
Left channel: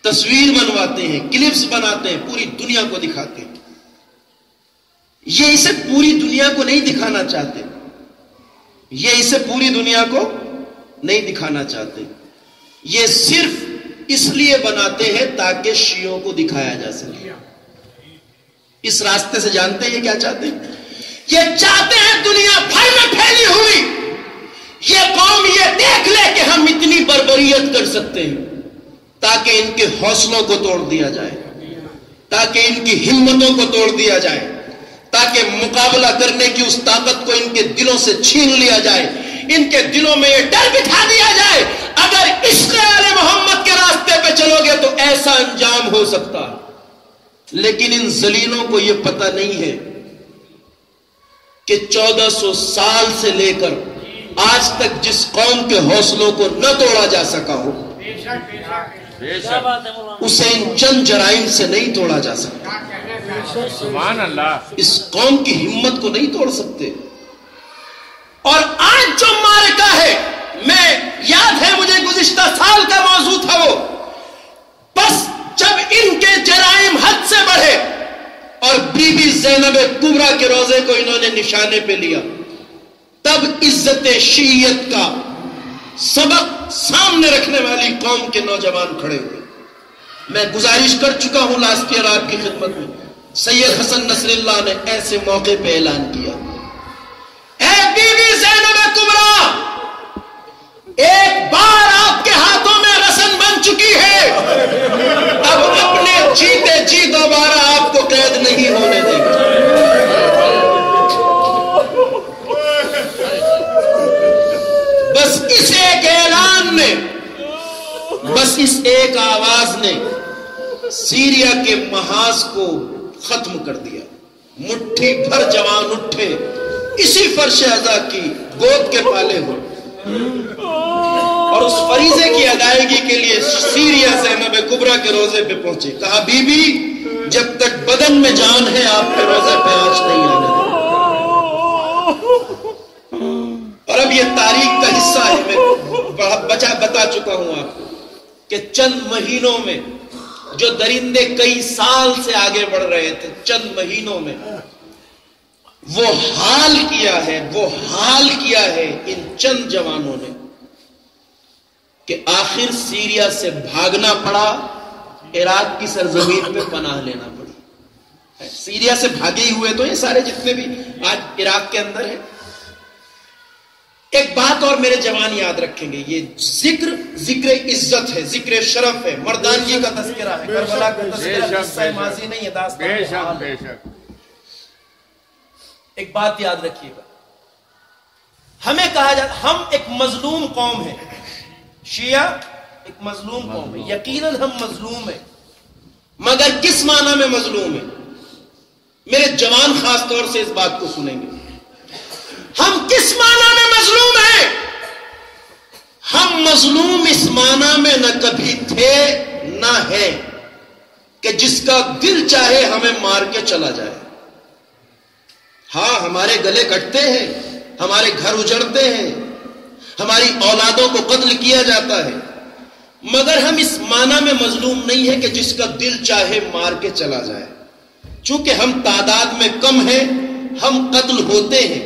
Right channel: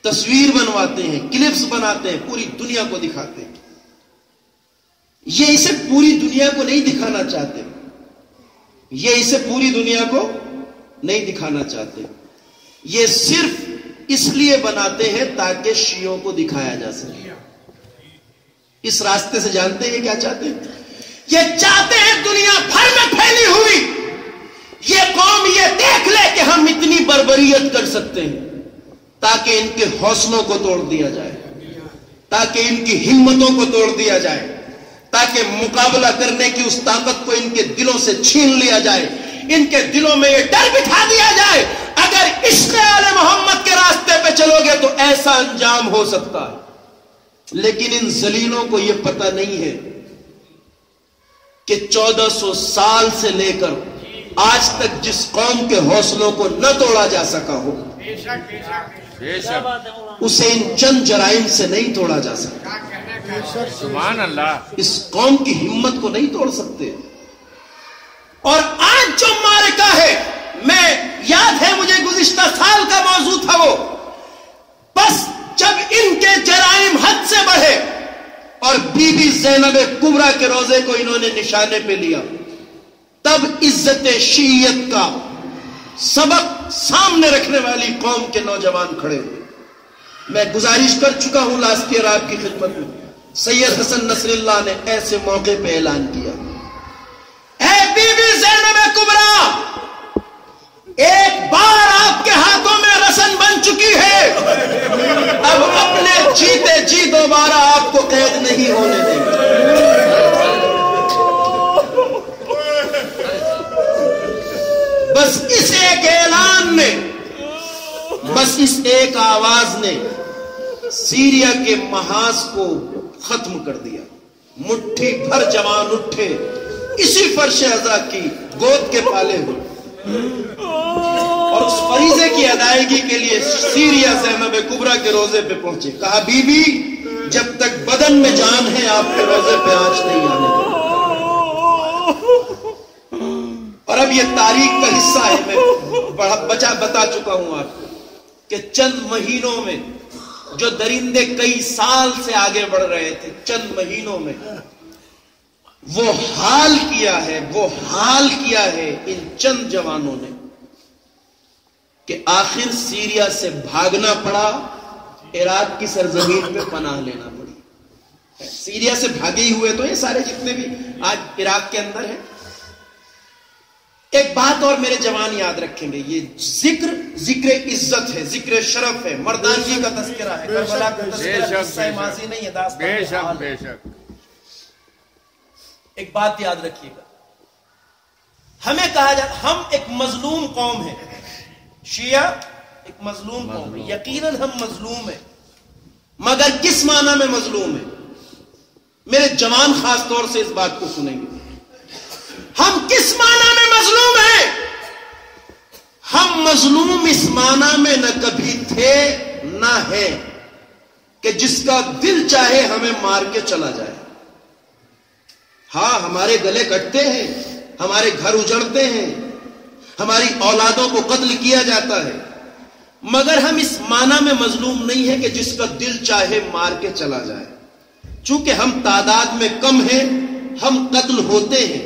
تصویر بنواتے ہیں، کلپس بناتے ہیں، پوری دنیا کو دکھاتے ہیں. یہ اسے پوری دنیا کو نہیں دکھانا چاہتے، یہ اسے پوری دنیا کو نہیں دکھانا چاہتے. یہ صرف اس لیے بناتے ہیں تاکہ شیعوں کو دکھایا جا سکے. اس راستے سے جانتے ہیں یہ کیا چاہتے ہیں؟ یہ چاہتے ہیں دنیا بھر میں پھیلی ہوئی یہ قوم یہ دیکھ لے کہ ہم اتنی بربریت کر سکتے ہیں، تاکہ ان کے حوصلوں کو توڑ دیا جائے، تاکہ ان کی ہمتوں کو توڑ دیا جائے، تاکہ مقابلہ کرنے کی اس طاقت کو ان کے دلوں سے چھین لیا جائے، ان کے دلوں میں یہ ڈر بٹھا دیا جائے اگر عشق آل محمد کے راستے پہ چلو گے تو ایسا انجام ہو سکتا ہے. لیکن ان ذلیلوں کو یہ پتہ نہیں ہے کہ 1400 سال سے لے کر آج تک جس قوم کے حوصلوں کو نہ توڑا جا سکا ہو اسے ان چند جرائم سے نہیں توڑا جا سکتا. سبحان اللہ. اس قوم کی ہمت کو نہیں توڑ سکتے. اور آج جو معرکہ ہے، میں یاد ہے مجھے گزشتہ سال کا موضوع تھا وہ، بس جب ان کے جرائم حد سے بڑھے اور بی بی زینب کبریٰ کے روضے کو انہوں نے نشانے پہ لیا، تب عزت شیعیت کا سبق سامنے رکھنے والی قوم کے نوجوان کھڑے ہوئے. میں گزارش کر چکا ہوں لاسٹ ایئر آپ کی خدمت میں، سید حسن نصر اللہ نے ایسے موقع پہ اعلان کیا، اے بی بی زینب کبریٰ، ایک بار آپ کے ہاتھوں میں رسن بن چکی ہے، اب اپنے جیتے جی دوبارہ آپ کو قید نہیں ہونے دیں گے. بس اس ایک اعلان نے، بس اس ایک آواز نے سیریا کے محاذ کو ختم کر دیا. مٹھی بھر جوان اٹھے، اسی فرش عزا کی گود کے پالے ہوئے، اور اس فریضے کی ادائیگی کے لیے سیریا زینب کبریٰ کے روزے پہ پہنچے. کہا بی بی جب تک بدن میں جان ہے آپ کے روزے پہ آنچ نہیں آنے دیں. اور اب یہ تاریخ کا حصہ ہے، میں بتا چکا ہوں آپ کو کہ چند مہینوں میں جو درندے کئی سال سے آگے بڑھ رہے تھے، چند مہینوں میں وہ حال کیا ہے ان چند جوانوں نے کہ آخر سیریا سے بھاگنا پڑا، عراق کی سرزمین پہ پناہ لینا پڑی. سیریا سے بھاگے ہوئے تو یہ سارے جتنے بھی آج عراق کے اندر ہیں. ایک بات اور میرے جوان یاد رکھیں گے، یہ ذکر عزت ہے، ذکر شرف ہے، مردانگی کا تذکرہ ہے، کربلا کا تذکرہ قصہ ماضی نہیں ہے، داستان حال ہے. ایک بات یاد رکھیے گا، ہمیں کہا جاتا ہم ایک مظلوم قوم ہیں، شیعہ ایک مظلوم قوم ہے. یقیناً ہم مظلوم ہیں، مگر کس معنی میں مظلوم ہیں؟ میرے جوان خاص طور سے اس بات کو سنیں گے. ہم کس معنی میں مظلوم ہیں؟ ہم مظلوم اس معنی میں نہ کبھی تھے نہ ہے کہ جس کا دل چاہے ہمیں مار کے چلا جائے. ہاں ہمارے گلے کٹتے ہیں، ہمارے گھر اجڑتے ہیں، ہماری اولادوں کو قتل کیا جاتا ہے، مگر ہم اس معنی میں مظلوم نہیں ہے کہ جس کا دل چاہے مار کے چلا جائے. چونکہ ہم تعداد میں کم ہیں، ہم قتل ہوتے ہیں،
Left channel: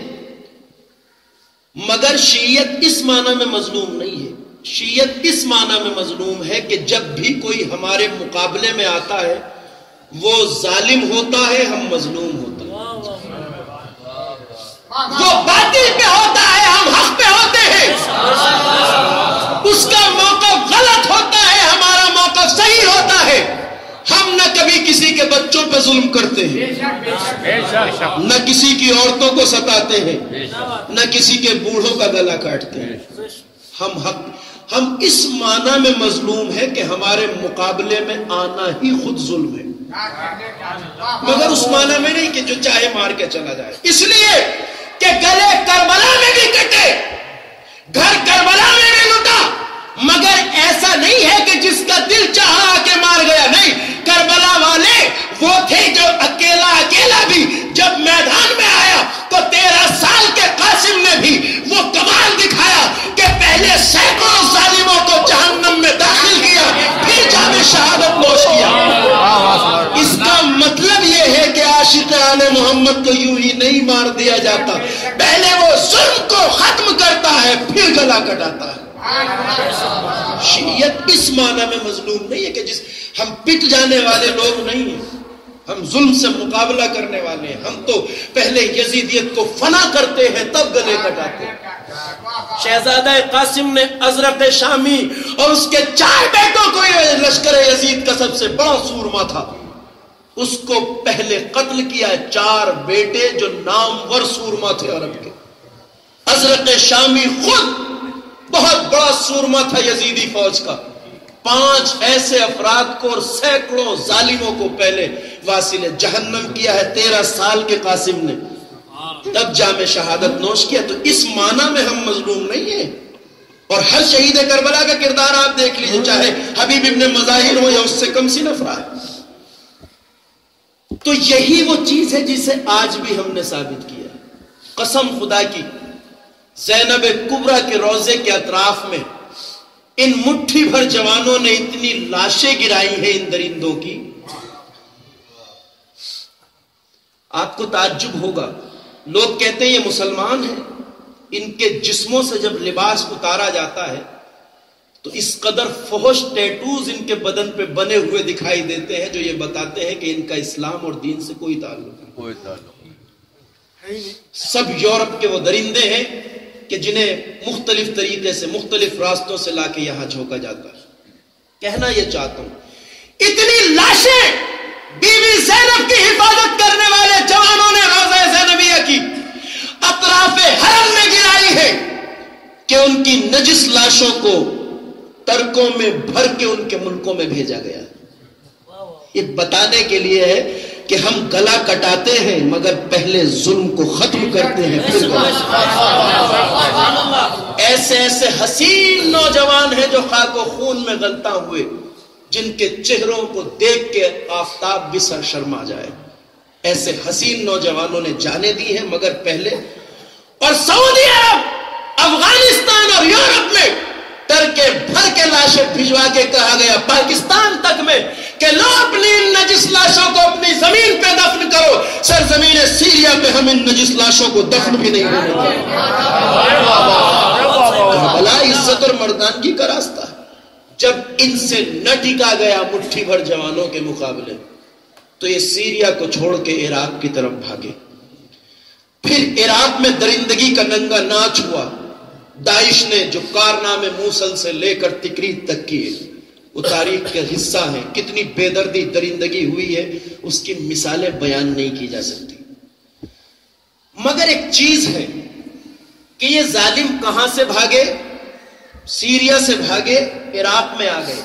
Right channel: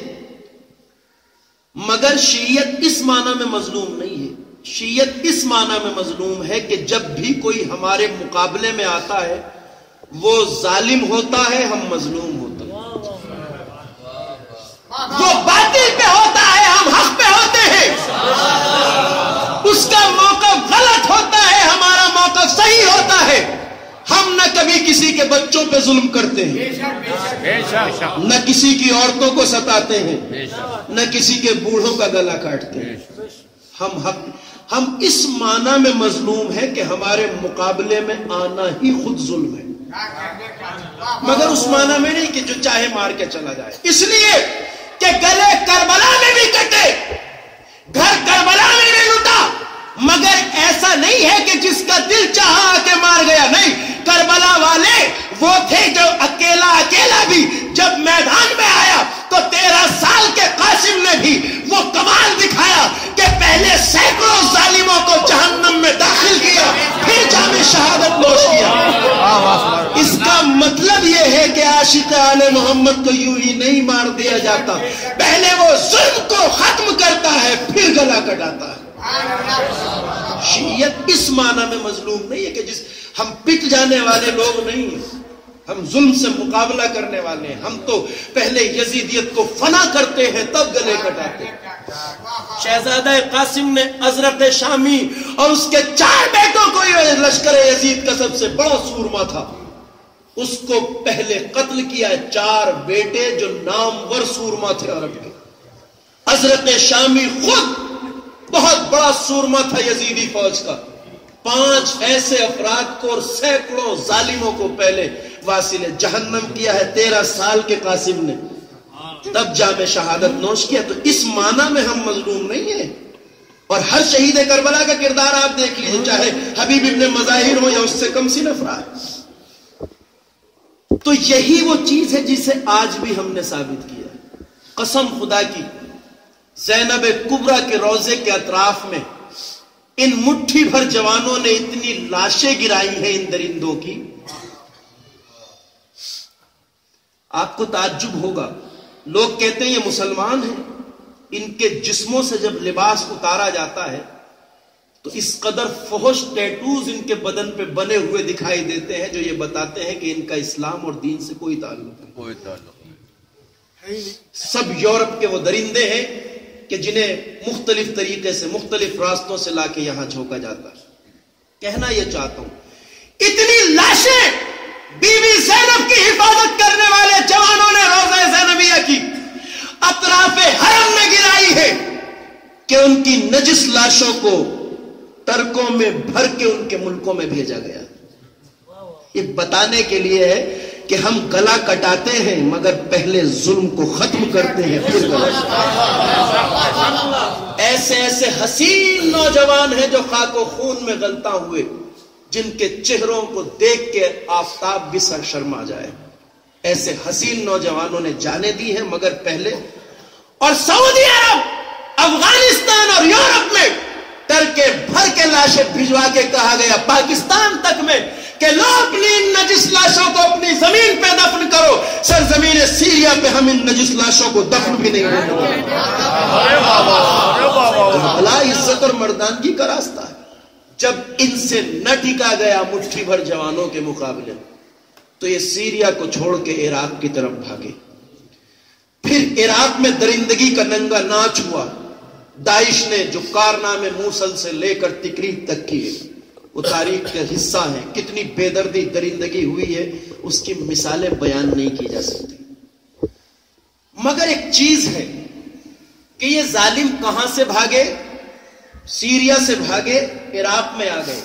مگر شیعیت اس معنی میں مظلوم نہیں ہے. شیعیت اس معنی میں مظلوم ہے کہ جب بھی کوئی ہمارے مقابلے میں آتا ہے وہ ظالم ہوتا ہے، ہم مظلوم ہوتے ہیں. وہ باطل پہ ہوتا ہے، ہم حق پہ ہوتے ہیں. اس کا موقف غلط ہوتا ہے، ہمارا موقف صحیح ہوتا ہے. ہم نہ کبھی کسی کے بچوں پہ ظلم کرتے ہیں، نہ کسی کی عورتوں کو ستاتے ہیں، نہ کسی کے بوڑھوں کا گلا کاٹتے ہیں. ہم اس معنی میں مظلوم ہے کہ ہمارے مقابلے میں آنا ہی خود ظلم ہے، مگر اس معنی میں نہیں کہ جو چاہے مار کے چلا جائے. اس لیے کہ گلے کربلا میں بھی کٹے، گھر کربلا میں بھی لوٹا، مگر ایسا نہیں ہے کہ جس کا دل چاہا آ کے مار گیا. نہیں، کربلا والے وہ تھے جو اکیلا بھی جب میدان میں آیا تو 13 سال کے قاسم نے بھی وہ کمال دکھایا کہ پہلے سینکڑوں ظالموں کو جہنم میں داخل کیا، پھر جام شہادت نوش کیا. اس کا مطلب یہ ہے کہ عاشق آل محمد کو یوں ہی نہیں مار دیا جاتا، پہلے وہ ظلم کو ختم کرتا ہے پھر گلا کٹاتا ہے. شیعیت اس معنی میں مظلوم نہیں ہے کہ ہم پٹ جانے والے لوگ نہیں ہیں، ہم ظلم سے مقابلہ کرنے والے ہیں. ہم تو پہلے یزیدیت کو فنا کرتے ہیں تب گلے کٹاتے ہیں. شہزادہ قاسم نے ازرق شامی اور اس کے 4 بیٹوں کو لشکر یزید کا سب سے بڑا سورما تھا، اس کو پہلے قتل کیا. 4 بیٹے جو نامور سورما تھے عرب کے. ازرق شامی خود بہت بڑا سورما تھا یزیدی فوج کا. 5 ایسے افراد کو اور سینکڑوں ظالموں کو پہلے واصل جہنم کیا ہے 13 سال کے قاسم نے. تب جام شہادت نوش کیا. تو اس معنی میں ہم مظلوم نہیں ہیں. اور ہر شہید کربلا کا کردار آپ دیکھ لیجیے, چاہے حبیب ابن مظاہر ہو یا اس سے کم سی افراد. تو یہی وہ چیز ہے جسے آج بھی ہم نے ثابت کیا. قسم خدا کی, زینب کبریٰ کے روضے کے اطراف میں ان مٹھی بھر جوانوں نے اتنی لاشیں گرائی ہیں ان درندوں کی, آپ کو تعجب ہوگا. لوگ کہتے ہیں یہ مسلمان ہیں, ان کے جسموں سے جب لباس اتارا جاتا ہے تو اس قدر فحش ٹیٹوز ان کے بدن پہ بنے ہوئے دکھائی دیتے ہیں جو یہ بتاتے ہیں کہ ان کا اسلام اور دین سے کوئی تعلق نہیں. سب یورپ کے وہ درندے ہیں کہ جنہیں مختلف طریقے سے مختلف راستوں سے لا کے یہاں جھونکا جاتا ہے. کہنا یہ چاہتا ہوں, اتنی لاشیں بی بی زینب کی حفاظت کرنے والے جوانوں نے روضہ زینبیہ کی اطراف حرم میں گرائی ہے کہ ان کی نجس لاشوں کو ٹرکوں میں بھر کے ان کے ملکوں میں بھیجا گیا. یہ بتانے کے لیے ہے کہ ہم گلا کٹاتے ہیں مگر پہلے ظلم کو ختم کرتے ہیں پھر ایسے ایسے حسین نوجوان ہیں جو خاک و خون میں غلطاں ہوئے, جن کے چہروں کو دیکھ کے آفتاب بھی سر شرما جائے. ایسے حسین نوجوانوں نے جانیں دی ہیں مگر پہلے. اور سعودی عرب, افغانستان اور یورپ میں ٹرکے بھر کے لاشیں بھجوا کے کہا گیا, پاکستان تک میں, کہ لو اپنی ان نجس لاشوں کو اپنی زمین پہ دفن کرو. سرزمین سیریا پہ ہم ان نجس لاشوں کو دفن بھی نہیں ہونے دیں گے. بھلا عزت اور مردانگی کا راستہ. جب ان سے نہ ٹکا گیا مٹھی بھر جوانوں کے مقابلے تو یہ سیریا کو چھوڑ کے عراق کی طرف بھاگے. پھر عراق میں درندگی کا ننگا ناچ ہوا. داعش نے جو کارنامے موصل سے لے کر تکریت تک کیے وہ تاریخ کا حصہ ہیں. کتنی بے دردی درندگی ہوئی ہے اس کی مثالیں بیان نہیں کی جا سکتی. مگر ایک چیز ہے کہ یہ ظالم کہاں سے بھاگے؟ سیریا سے بھاگے, عراق میں آ گئے.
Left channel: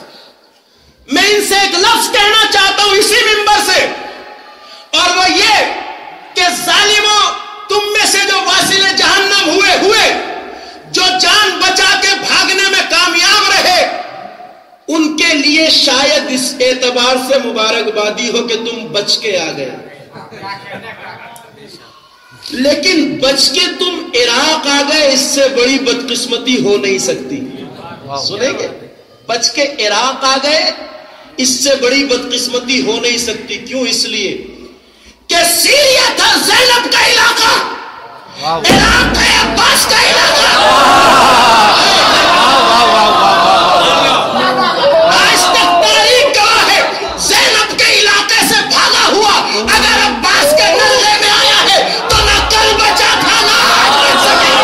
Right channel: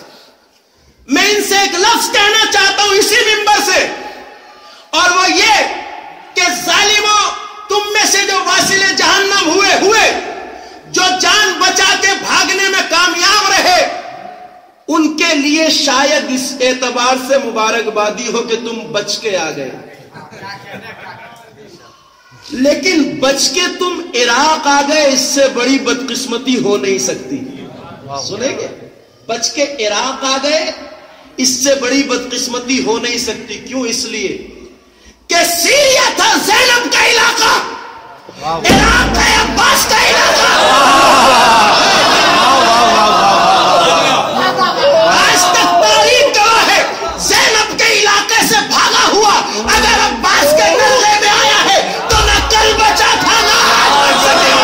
میں ان سے ایک لفظ کہنا چاہتا ہوں اسی منبر سے, اور وہ یہ کہ ظالموں, تم میں سے جو واصل جہنم ہوئے جو جان بچا کے بھاگنے میں کامیاب رہے, ان کے لیے شاید اس اعتبار سے مبارکبادی ہو کہ تم بچ کے آ گئے. لیکن بچ کے تم عراق آ گئے, اس سے بڑی بدقسمتی ہو نہیں سکتی. سنیں گے, بچ کے عراق آ گئے, اس سے بڑی بدقسمتی ہو نہیں سکتی. کیوں؟ اس لیے کہ سیریا تھا زینب کا علاقہ, عراق ہے عباس کا علاقہ. آج تک تاریخ گواہ ہے زینب کے علاقے سے بھاگا ہوا اگر عباس کے نلغے میں آیا ہے تو نہ کل بچا تھا نہ آج بچ سکے.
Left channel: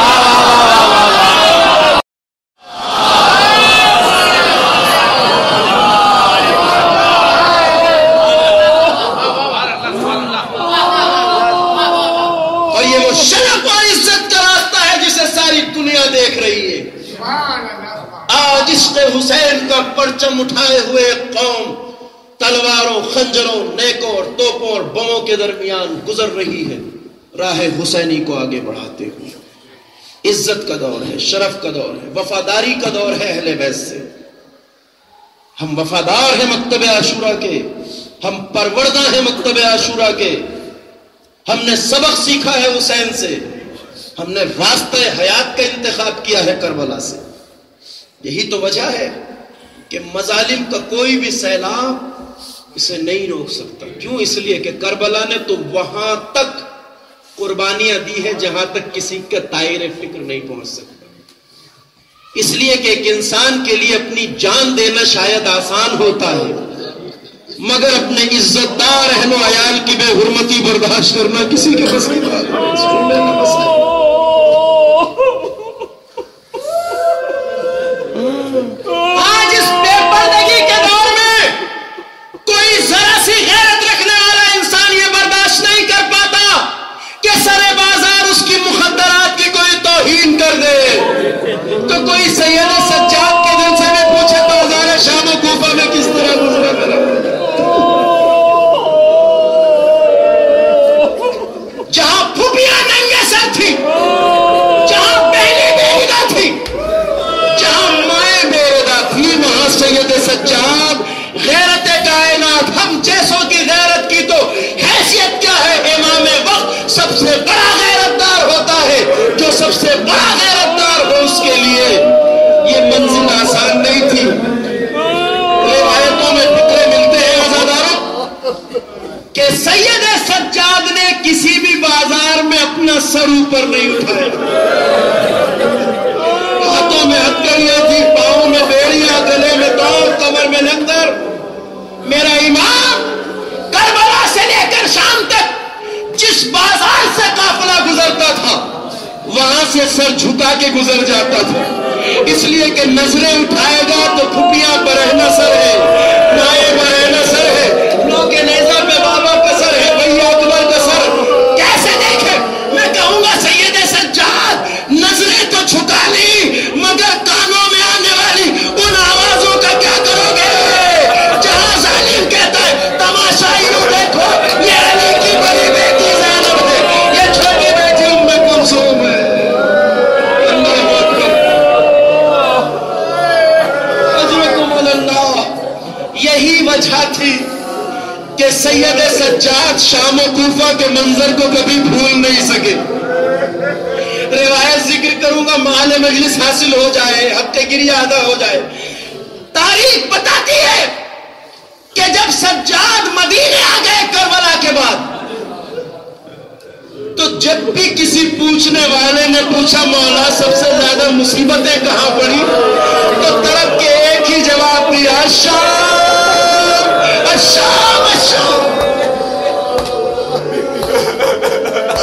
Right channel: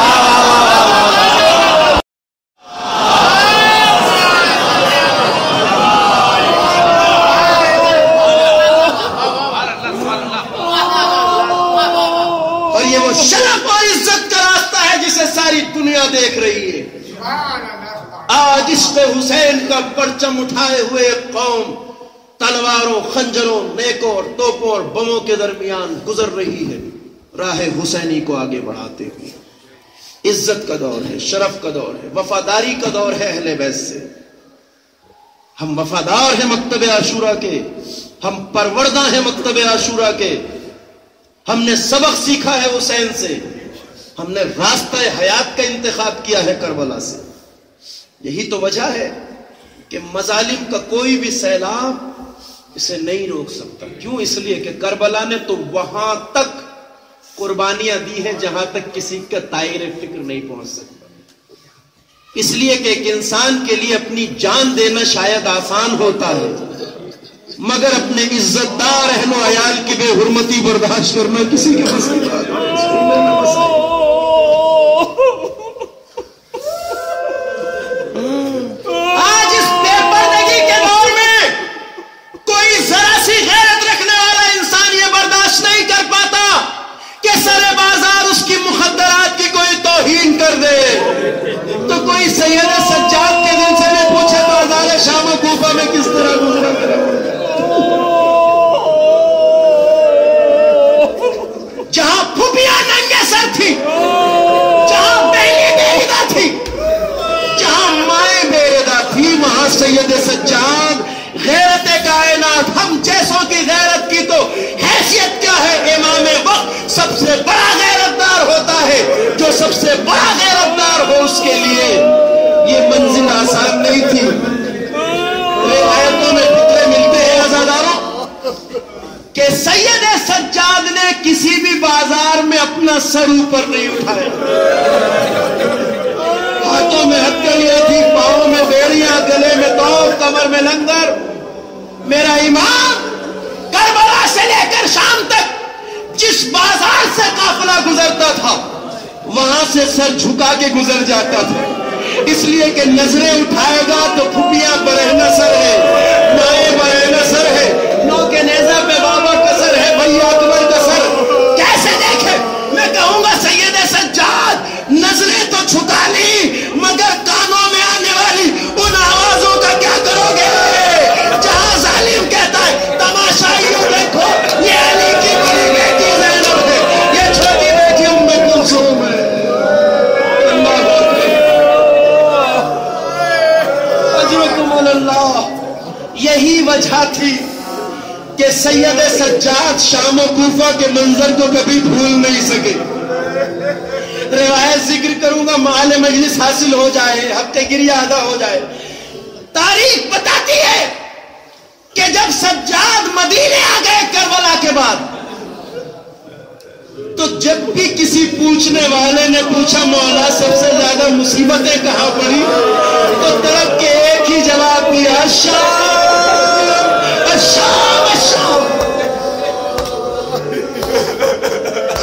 اور یہ وہ شرف اور عزت کا راستہ ہے جسے ساری دنیا دیکھ رہی ہے. آج عشق حسین کا پرچم اٹھائے ہوئے ایک قوم تلواروں, خنجروں, نیکوں اور توپوں اور بموں کے درمیان گزر رہی ہے راہ حسینی کو آگے بڑھاتے ہوئے. عزت کا دور ہے, شرف کا دور ہے, وفاداری کا دور ہے اہل بیت سے. ہم وفادار ہیں مکتب عاشورہ کے, ہم پروردہ ہیں مکتب عاشورہ کے. ہم نے سبق سیکھا ہے حسین سے, ہم نے راستہ حیات کا انتخاب کیا ہے کربلا سے. یہی تو وجہ ہے کہ مظالم کا کوئی بھی سیلاب اسے نہیں روک سکتا. کیوں؟ اس لیے کہ کربلا نے تو وہاں تک قربانیاں دی ہیں جہاں تک کسی کا طائر فکر نہیں پہنچ سکتا. اس لیے کہ ایک انسان کے لیے اپنی جان دینا شاید آسان ہوتا ہے مگر اپنے عزت دار اہل و عیال کی بے حرمتی برداشت کرنا کسی کے بس کی بات نہیں. آج اس بے پردگی کے دور میں کوئی ذرا سی غیرت رکھنے والا انسان یہ برداشت نہیں کر پاتا کہ سرے بازار اس کی مخدرات کی کوئی توہین کر دے. تو کوئی سید سجاد کے دل سے بھی پوچھے بازار شام و کوفہ میں کس طرح گزرا کرا, جہاں پھپیاں ننگے ساتھ ہم جیسوں کی غیرت کی تو حیثیت کیا ہے؟ امام وقت سب سے بڑا غیرتدار ہوتا ہے، جو سب سے بڑا غیرتدار ہو اس کے لیے یہ منزل آسان نہیں تھی۔ روایتوں میں فکرے ملتے ہیں عزاداروں کہ سید سجاد نے کسی بھی بازار میں اپنا سر اوپر نہیں اٹھایا، ہاتھوں میں ہتھکڑیاں تھی، پاؤں میں بیڑیاں، گلے میں دور، کمر میں لنگر۔ میرا امام کربلا سے لے کر شام تک جس بازار سے قافلہ گزرتا تھا وہاں سے سر جھکا کے گزر جاتا تھا، اس لیے کہ نظریں اٹھائے گا تو پھپیاں برہنہ سر ہے، نائے برہنہ سر ہے، نو کے نیزہ پہ بابا کا سر ہے، بھیا اکبر کا سر کیسے دیکھے؟ میں کہوں گا سید سجاد نظریں تو چھکا لی مگر کانوں میں آنے والی ان آوازوں کا کیا کرو گے؟ جہاں ظالم کہتا ہے تماشا یوں دیکھو یہ علی کی بڑی بیٹی زینب ہے، یہ چھوٹی بیٹی ام کلثوم ہے۔ اللہ اکبر، اجرکم اللہ۔ یہی وجہ تھی کہ سید سجاد شام و کوفہ کے منظر کو کبھی بھول نہیں سکے۔ روایت ذکر کروں گا، محل مجلس حاصل ہو جائے، ہفتے گیری ادا ہو جائے۔ تاریخ بتاتی ہے کہ جب سجاد مدینے آ گئے کربلا کے بعد تو جب بھی کسی پوچھنے والے نے پوچھا مولا سب سے زیادہ مصیبتیں کہاں پڑی تو تڑپ کے ایک ہی جواب دیا، الشام الشام الشام۔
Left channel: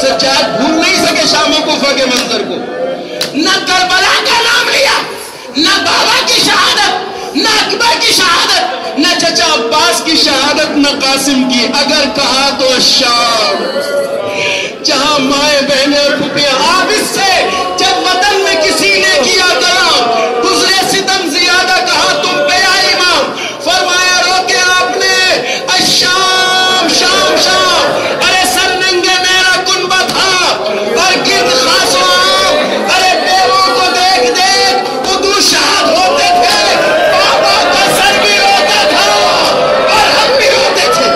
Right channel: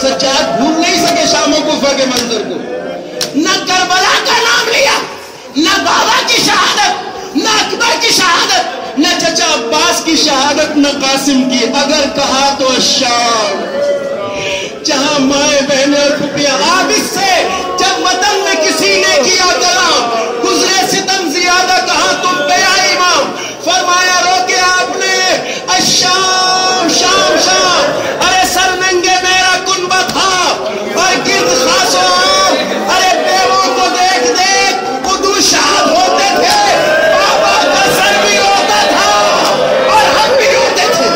سجاد بھول نہیں سکے شام و کوفہ کے منظر کو، نہ کربلا کا نام لیا، نہ بابا کی شہادت، نہ اکبر کی شہادت، نہ چچا عباس کی شہادت، نہ قاسم کی، اگر کہا تو الشام، جہاں مائیں بہنیں اور پھپھیاں۔ آپ اس سے جب وطن میں کسی نے کیا کلام، گزرے ستم زیادہ کہا تم پہ یا امام، فرمایا روکے آپ نے الشام شام شام۔ ارے سر ننگے میرا کنبہ تھا اور گرد خاص و عام، ارے بیووں کو دیکھ دیکھ ادو شاد ہوتے تھے، بابا کا سر بھی روتا تھا اور ہم بھی روتے تھے۔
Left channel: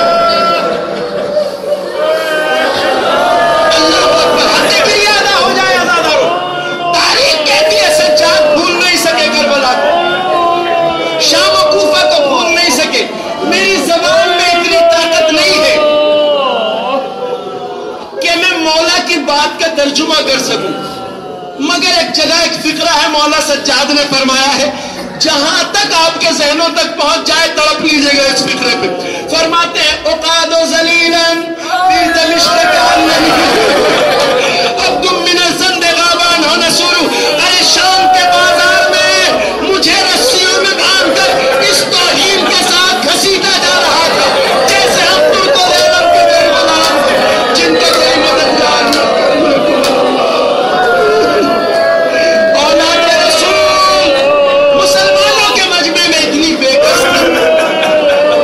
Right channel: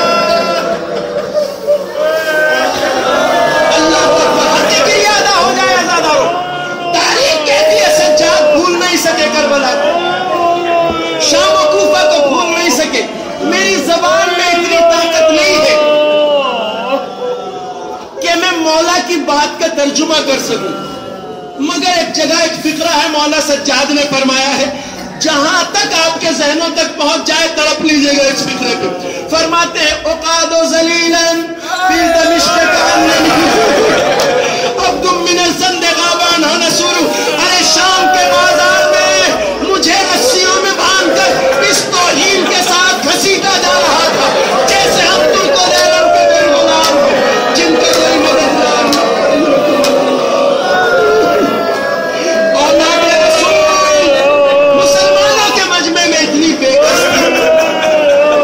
اللہ اکبر، ہفتے کی ادا ہو جائے عزاداروں۔ تاریخ کہتی ہے سجاد بھول نہیں سکے کربلا کو، شام و کوفہ کو بھول نہیں سکے۔ میری زبان میں اتنی طاقت نہیں ہے کہ میں مولا کی بات کا ترجمہ کر سکوں، مگر ایک جگہ ایک فقرہ ہے مولا سجاد نے فرمایا ہے، جہاں تک آپ کے ذہنوں تک پہنچ جائے تڑپ لیجئے گا اس فقرے پہ۔ فرماتے ہیں اقعد ذلیلا فی دمشق کاننی عبد من الزند غابان ہو نسور۔ ارے شام کے بازار میں مجھے رسیوں میں باندھ کر اس توہین کے ساتھ گھسیٹا جا رہا تھا جیسے ہم ترک و دیلم کے بے غلام ہیں جن کا کوئی مددگار نہ۔ اولاد رسول مسلمانوں کے مجمع میں اتنی بے کس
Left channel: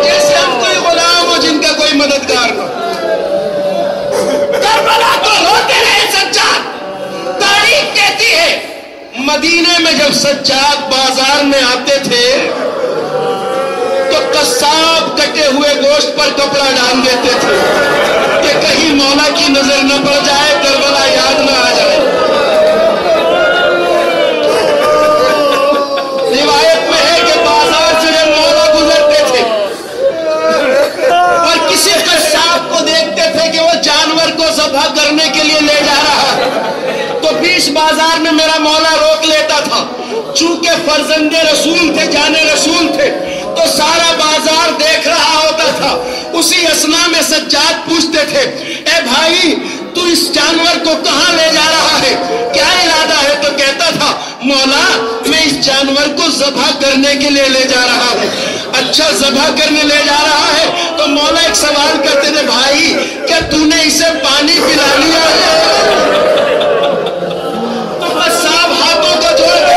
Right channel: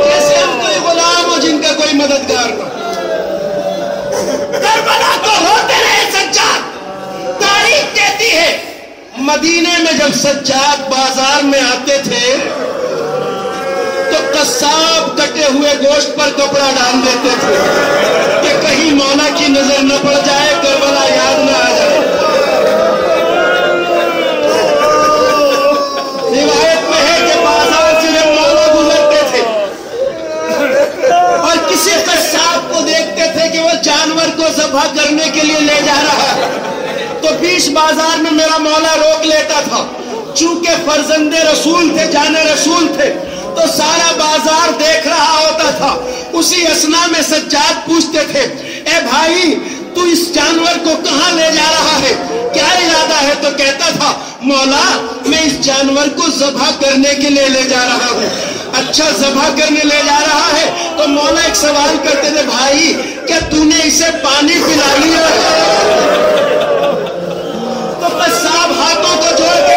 جیسے ہم کوئی غلام ہو جن کا کوئی مددگار نہ۔ کربلا تو روتے رہے سجاد۔ تاریخ کہتی ہے مدینے میں جب سجاد بازار میں آتے تھے تو قصاب کٹے ہوئے گوشت پر کپڑا ڈال دیتے تھے کہ کہیں مولا کی نظر نہ پڑ جائے، کربلا یاد نہ آ جائے۔ روایت میں ہے کہ بازار سے جب مولا گزرتے تھے اور کسی قصاب کو دیکھتے تھے کہ وہ جانور کو ذبح کرنے کے لیے لے جا رہا ہے تو بیچ بازار میں میرا مولا روک لیتا تھا۔ چونکہ فرزند رسول تھے، جانے رسول تھے، تو سارا بازار دیکھ رہا ہوتا تھا۔ اسی اثنا میں سجاد پوچھتے تھے، اے بھائی تو اس جانور کو کہاں لے جا رہا ہے، کیا ارادہ ہے؟ تو کہتا تھا مولا میں اس جانور کو ذبح کرنے کے لیے لے جا رہا ہوں۔ اچھا ذبح کرنے لے جا رہا ہے تو مولا ایک سوال کرتے تھے، بھائی کیا تو نے اسے پانی پلا لیا؟ تو قصاب ہاتھوں کو جوڑ کے